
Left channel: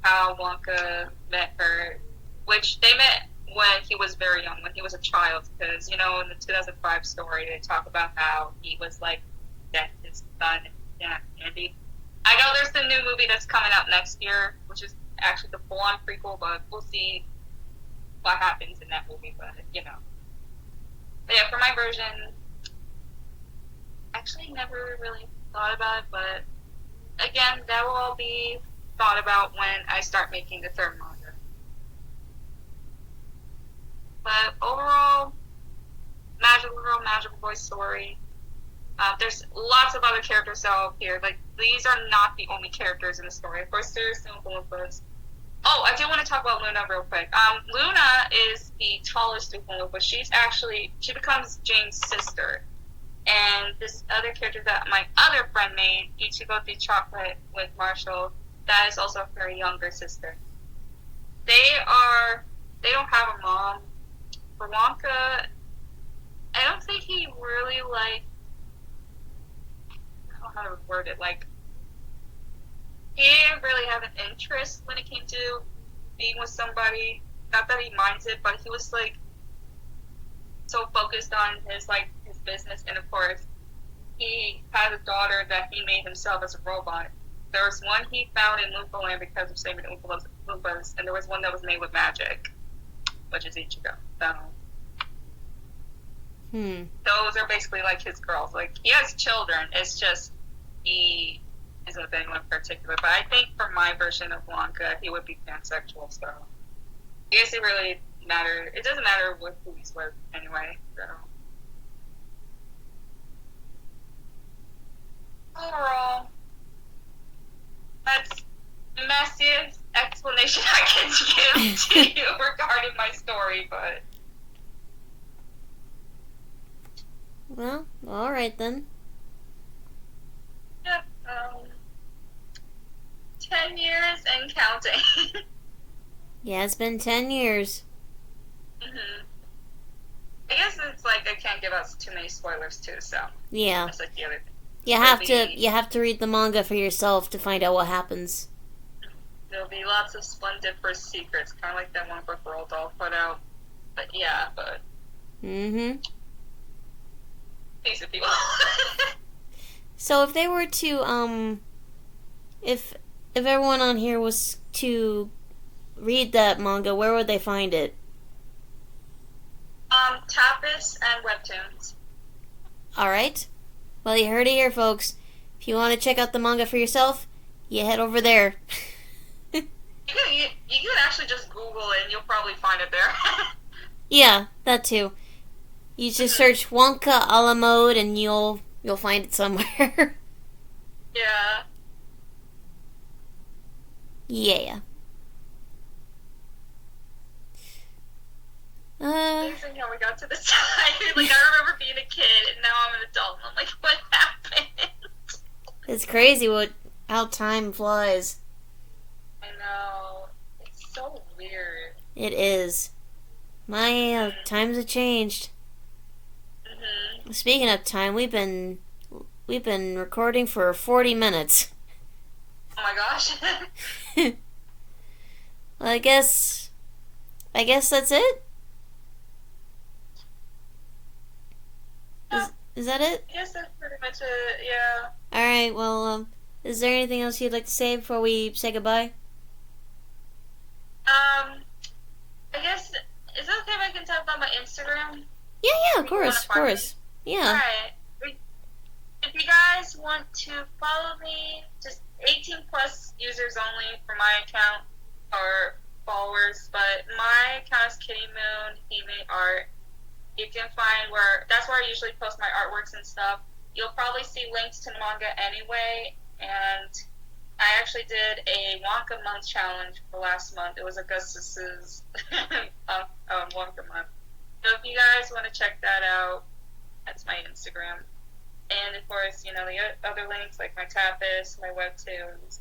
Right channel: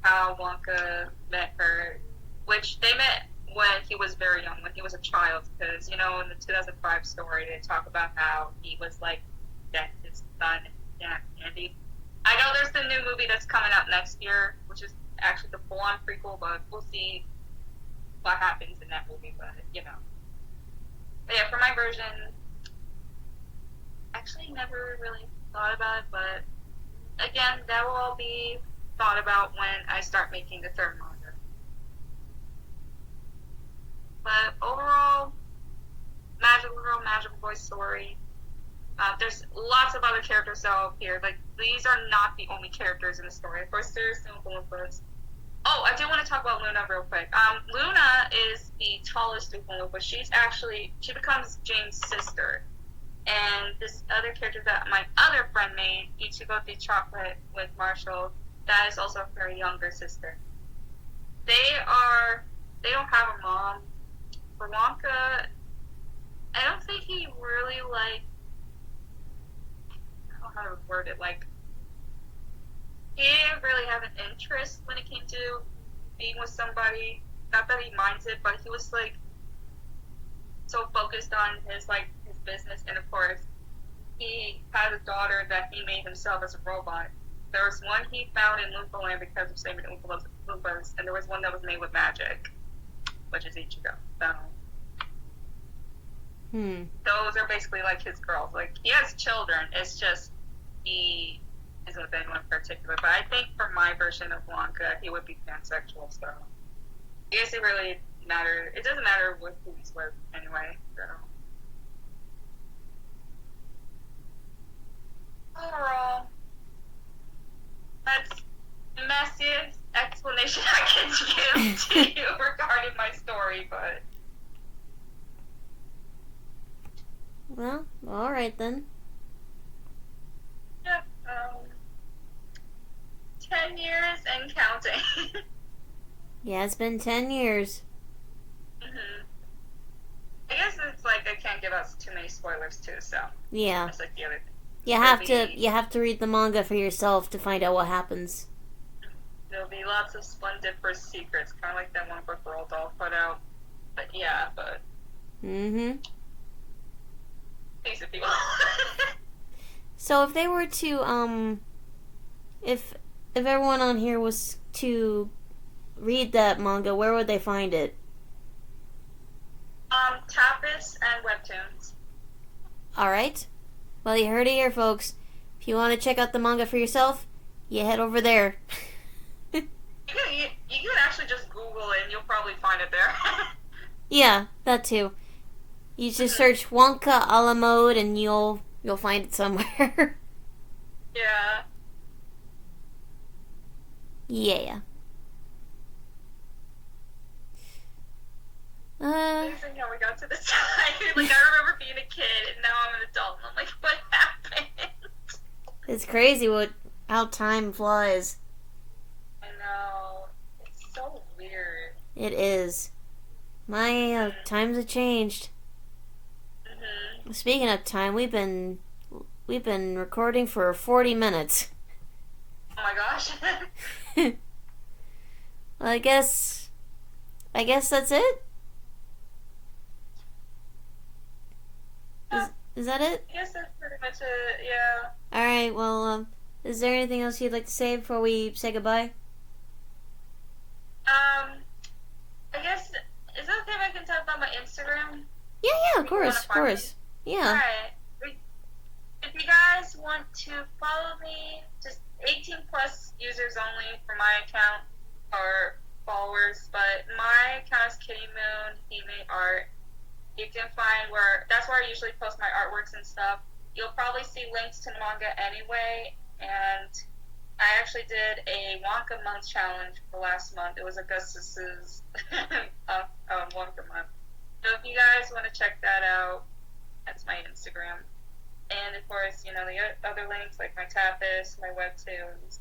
how Wonka met her, which they met when he was very young, when he was a child, because, you know, in the 2005 story, they talk about how he was, like, his son, and Andy. I know there's the new movie that's coming out next year, which is actually the full-on prequel, but we'll see what happens in that movie, but, you know. But yeah, for my version, actually never really thought about it, but, again, that will all be thought about when I start making the third manga. But overall, magical girl, magical boy story. There's lots of other characters that will appear. Like, these are not the only characters in the story. Of course, there's some Oompa Loompas. Oh, I do want to talk about Luna real quick. Luna is the tallest Oompa Loompa. She becomes Jane's sister. And this other character that my other friend made, Ichigo the Chocolate with Marshall, that is also her younger sister. They don't have a mom. For Wonka, I don't think he really, like, I don't know how to word it, like, he didn't really have an interest when it came to being with somebody. Not that he minds it, but he was, like, so focused on his business, and of course, he had a daughter that he made himself as a robot. There was one he found in Loompa Land because of saving Oompa Loompas, and there was one that was made with magic, which is Ichigo. So, those are basically like his girls. Like, he has children. It's just he isn't with anyone in particular. But I think for my version of Wonka, he would be pansexual. So, I guess it really matter. It doesn't matter with who he's with anyway. So, overall, that's the messiest explanation I can give to you regarding my story, but... Well, alright then. Yeah, 10 years and counting. Yeah, it's been 10 years. I guess it's like I can't give out too many spoilers too, so... Yeah. That's like the other thing. You have to read the manga for yourself to find out what happens. There'll be lots of Splendiferous secrets, kind of like that one book Roald Dahl put out. But yeah, but... Piece of people. So if they were to, if everyone on here was to read that manga, where would they find it? Tapas and Webtoons. Alright. Well, you heard it here, folks. If you want to check out the manga for yourself, you head over there. You can actually just Google it and you'll probably find it there. Yeah, that too. You just search Wonka A La Mode and you'll find it somewhere. Yeah. Yeah. how we got to this time. Like, I remember being a kid, and now I'm an adult, and I'm like, what happened? It's crazy how time flies. I know. It's so weird. It is. My times have changed. Mm-hmm. Speaking of time, we've been recording for 40 minutes. Oh my gosh. Well, I guess that's it. Is that it? I guess that's pretty much it, yeah. Alright, well, is there anything else you'd like to say before we say goodbye? I guess, is it okay if I can talk about my Instagram? Yeah, of course. Yeah. Alright. If you guys want to follow me, just 18 plus users only for my account, or followers, but my account is KittyMoon, he made art. You can find that's where I usually post my artworks and stuff. You'll probably see links to the manga anyway, and I actually did a Wonka month challenge for last month. It was Augustus's Wonka month. So if you guys want to check that out, that's my Instagram. And of course, the other links like my Tapas, my webtoons.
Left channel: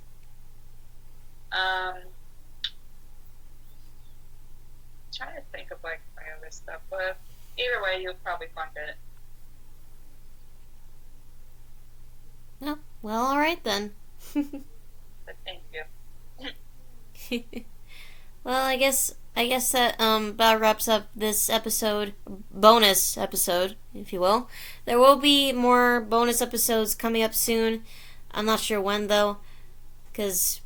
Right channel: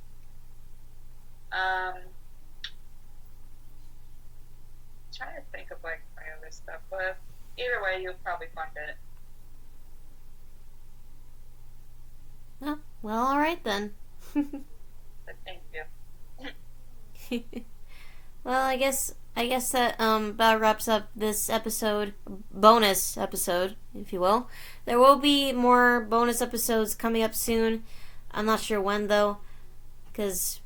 Trying to think of like my other stuff, but either way, you'll probably find it. Oh, well, all right then. But thank you. Well, I guess that about wraps up this episode, bonus episode, if you will. There will be more bonus episodes coming up soon. I'm not sure when though, because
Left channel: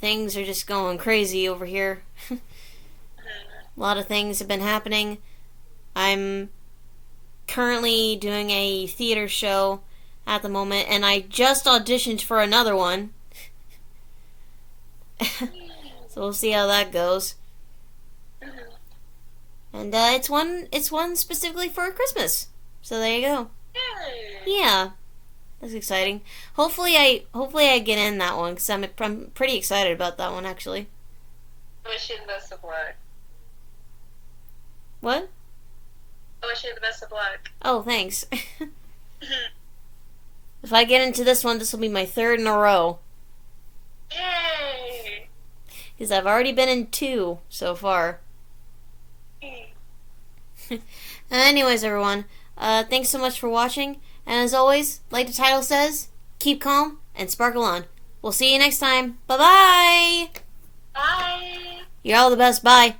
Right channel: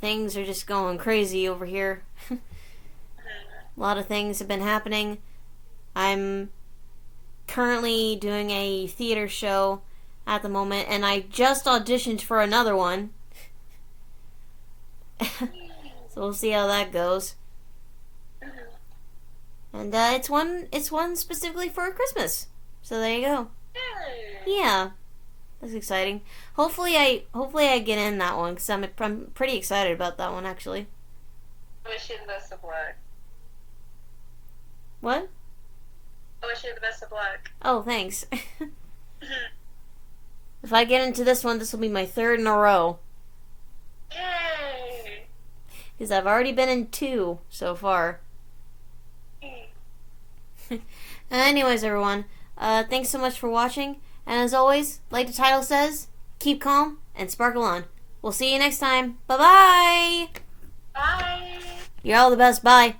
things are just going crazy over here. A lot of things have been happening. I'm currently doing a theater show at the moment, and I just auditioned for another one. So we'll see how that goes. And it's one specifically for Christmas. So there you go. Yeah, that's exciting. Hopefully I get in that one because I'm pretty excited about that one actually. I wish you the best of luck. What? I wish you the best of luck. Oh, thanks. If I get into this one, this will be my third in a row. Yay! Because I've already been in 2 so far. Anyways, everyone, thanks so much for watching. And as always, like the title says, keep calm and sparkle on. We'll see you next time. Bye-bye! Bye! You're all the best. Bye.